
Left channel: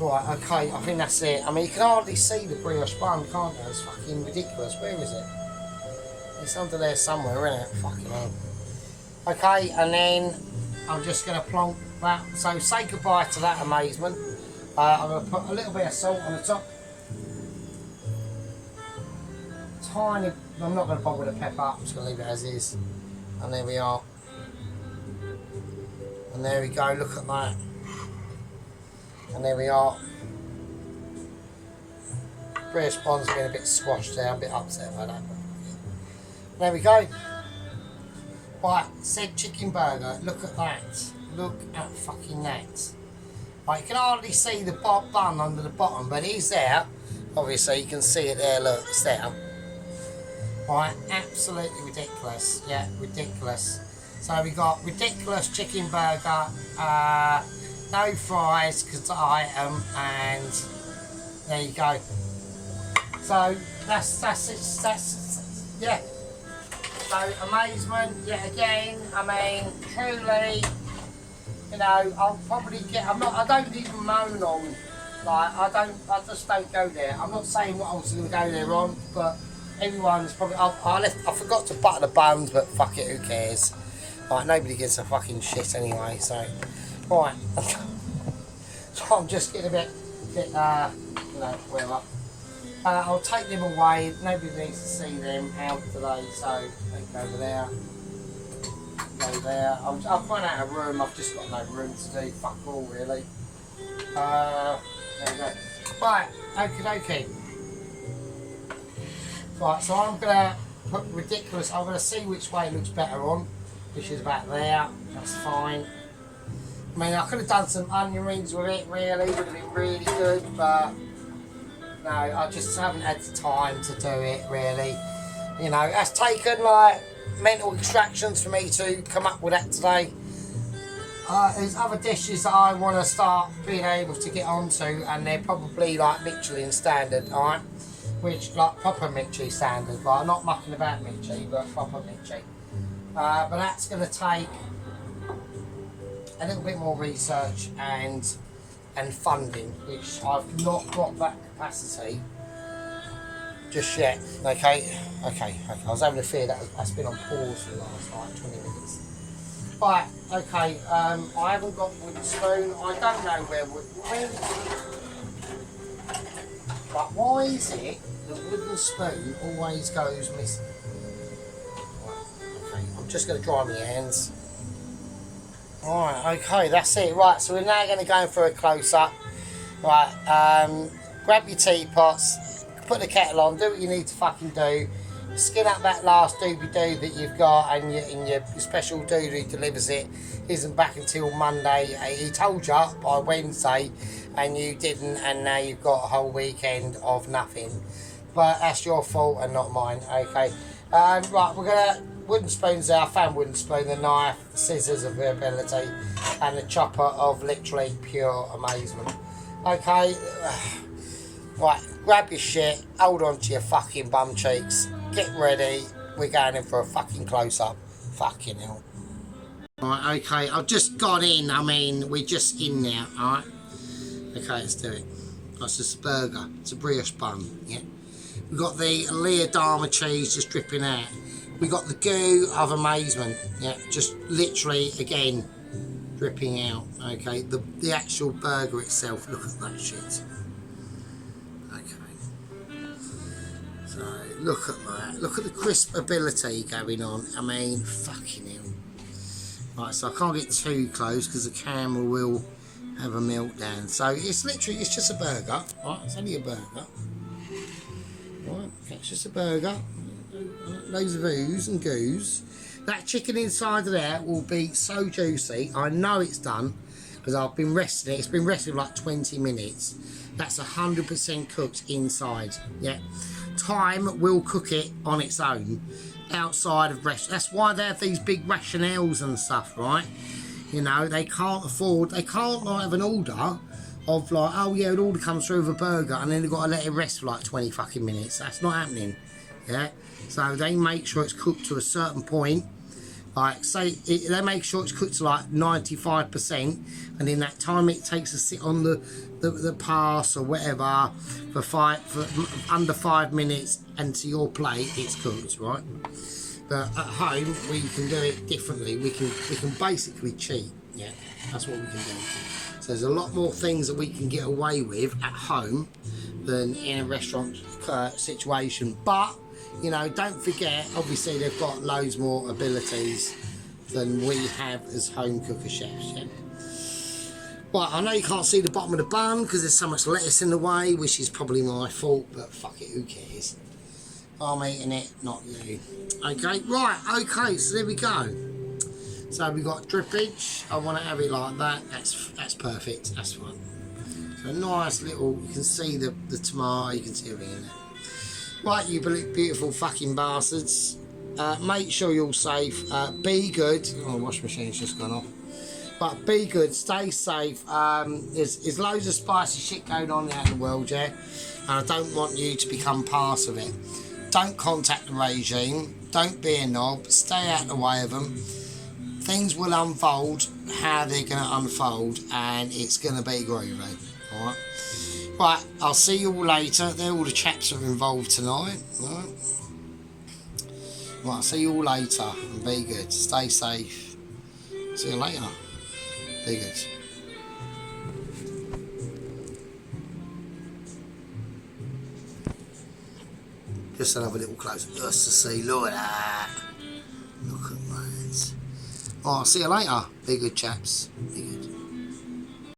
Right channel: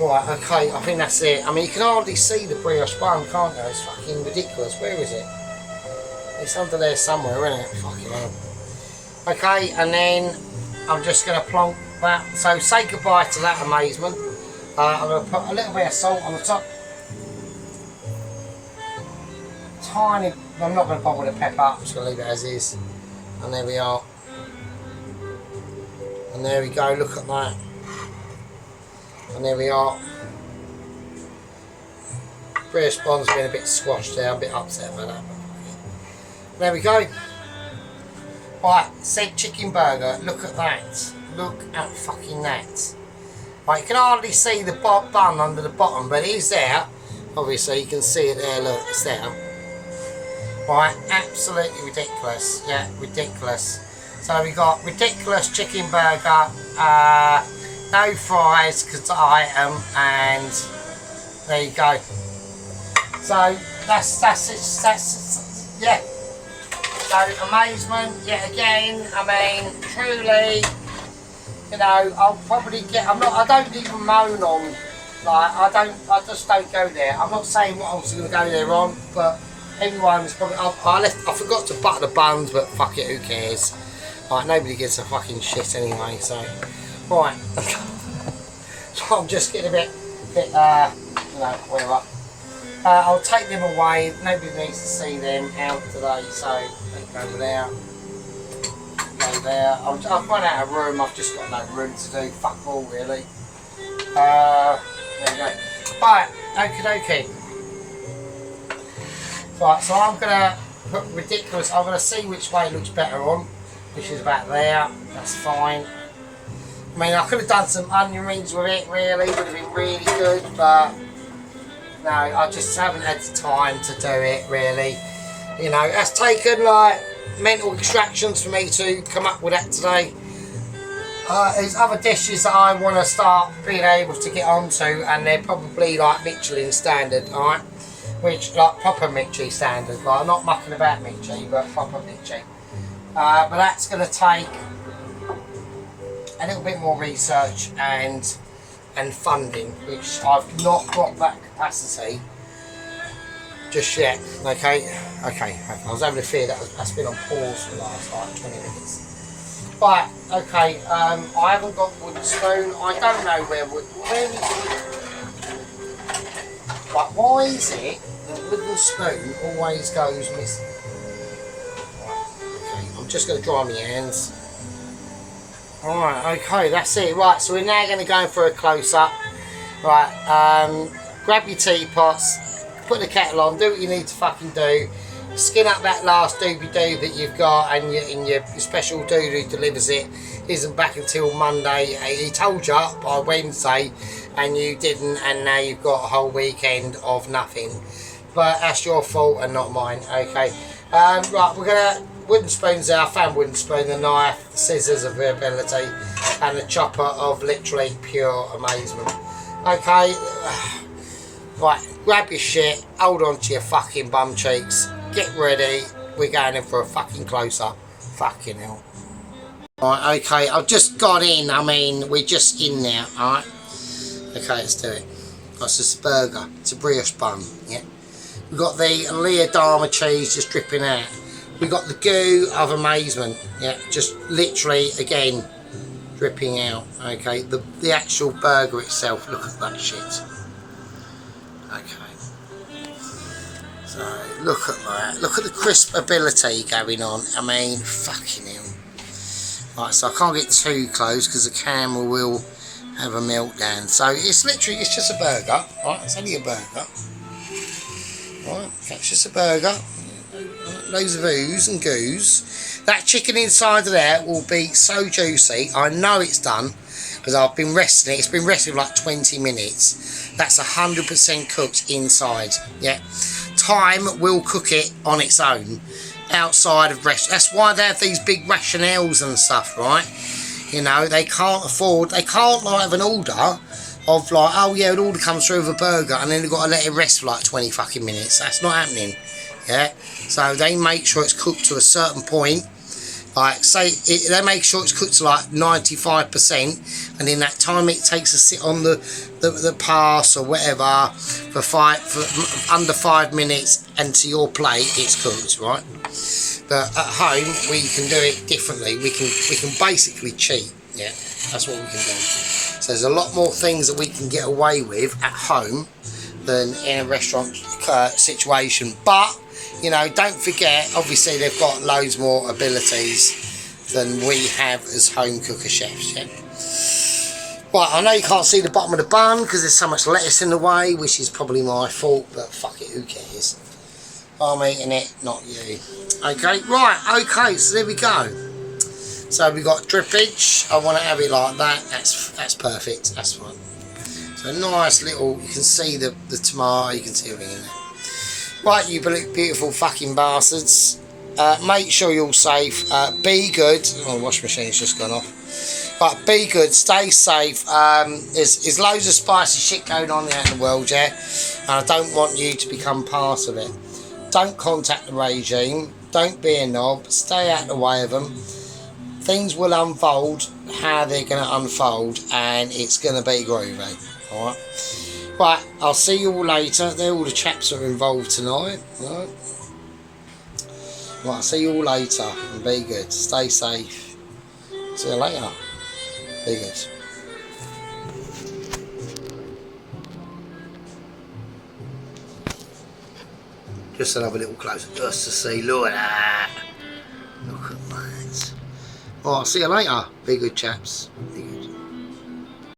Right, okay, I think that's it. I mean, you can hardly see the brioche bun, can't you? It's fucking ridiculous. Where is it? It's under there somewhere, isn't it? Fucking hell. Okay, and then I'm just going to plonk that. So say goodbye to that amazement. I'm going to put a little bit of salt on the top. Tiny, I'm not going to bother with the pepper, I'm just going to leave it as is. And there we are. And there we go, look at that. And there we are. British Bond's been a bit squashed there, I'm a bit upset about that. There we go. Right, said chicken burger, look at that. Look at fucking that. Right, you can hardly see the bun under the bottom, but it is there. Obviously, you can see it there, look, it's there. Right, absolutely ridiculous. Yeah, ridiculous. So we got ridiculous chicken burger, no fries because I am, and there you go. So that's it. Yeah. So amazement yet again. I mean, truly, you know, I'll probably get. I don't even moan on. Like I just don't go there. I'm not saying what I was going to go there on, but. Everyone's probably. I forgot to butter the buns, but fuck it, who cares? Like nobody gives a fucking shit anyway. So, right. So I'm just getting a bit, whatever. I'll take them away. Nobody needs to see them out today. So over there, go there. I've run out of room. I've just got no room to do. Fuck all really. There we go. Right, okie dokie. Right, so I'm gonna put ridiculous. I'm going to see which way it looks better on, which is about there. That's fine. I mean, I could have done some onion rings with it, really, would have been really good, but no, I just haven't had the time to do it, really. You know, it's taken like mental extractions for me to come up with that today. There's other dishes that I want to start being able to get onto, and they're probably like Michelin standard, alright? Which, like proper Michelin standard, like not mucking about Michelin, but proper Michelin. But that's going to take a little bit more research and funding, which I've not got that capacity just yet. Okay. I was having a fear that's been on pause for the last like 20 minutes. Right, okay, I haven't got wooden spoon. I don't know where is it? Like, why is it that wooden spoon always goes missing? Right, okay, I'm just going to dry my hands. Alright, okay, that's it. Right, so we're now going to go for a close-up. Right, grab your teapots, put the kettle on, do what you need to fucking do. Skin up that last doobie-doo that you've got, and your special dude who delivers it isn't back until Monday. He told you by Wednesday and you didn't, and now you've got a whole weekend of nothing. But that's your fault and not mine, okay? Right, we're going to... Wooden spoons there. I found wooden spoon, the knife, the scissors of ability, and the chopper of literally pure amazement. Okay, right, grab your shit, hold on to your fucking bum cheeks, get ready, we're going in for a fucking close-up. Fucking hell. Right, okay, I've just got in, I mean, we're just in there, alright? Okay, let's do it. That's just a burger, it's a brioche bun, yeah? We've got the Lea Dama cheese just dripping out. We've got the goo of amazement, yeah, just literally, again, dripping out, okay? The actual burger itself, look at that shit. Okay. So, look at that. Look at the crisp ability going on. I mean, fucking hell. Right, so I can't get too close because the camera will have a meltdown. So, it's literally, it's just a burger, right? It's only a burger. Right, it's just a burger. Loads of ooze and goos. That chicken inside of there will be so juicy. I know it's done because I've been resting it. It's been resting for like 20 minutes. That's 100% cooked inside. Yeah, time will cook it on its own outside of rest. That's why they have these big rationales and stuff, right? You know, they can't afford. They can't like have an order of like, oh yeah, an order comes through with a burger and then they've got to let it rest for like 20 fucking minutes. That's not happening. Yeah, so they make sure it's cooked to a certain point. Like, say, they make sure it's cooked to like 95%, and in that time it takes to sit on the pass or whatever for under 5 minutes, and to your plate it's cooked, right? But at home we can do it differently. We can basically cheat. Yeah, that's what we can do. So there's a lot more things that we can get away with at home than in a restaurant situation. But you know, don't forget, obviously they've got loads more abilities than we have as home cooker chefs, yeah? Well, I know you can't see the bottom of the bun because there's so much lettuce in the way, which is probably my fault, but fuck it, who cares? I'm eating it, not you. Okay, right, okay, so there we go. So we've got drippage. I want to have it like that. That's perfect, that's fine. So a nice little, you can see the tomato, you can see everything in there. Right, you beautiful fucking bastards. Make sure you're safe. Be good. Oh, the washing machine's just gone off. But be good. Stay safe. There's loads of spicy shit going on out in the world, yeah? And I don't want you to become part of it. Don't contact the regime. Don't be a knob. Stay out of the way of them. Things will unfold how they're going to unfold, and it's going to be groovy. Alright? Right, I'll see you all later. They're all the chaps that are involved tonight. Right, I'll see you all later. And be good. Stay safe. See you later. Be good. Just another little closer just to see. Look at that. Look at that. Right, I'll see you later. Be good, chaps. Be good.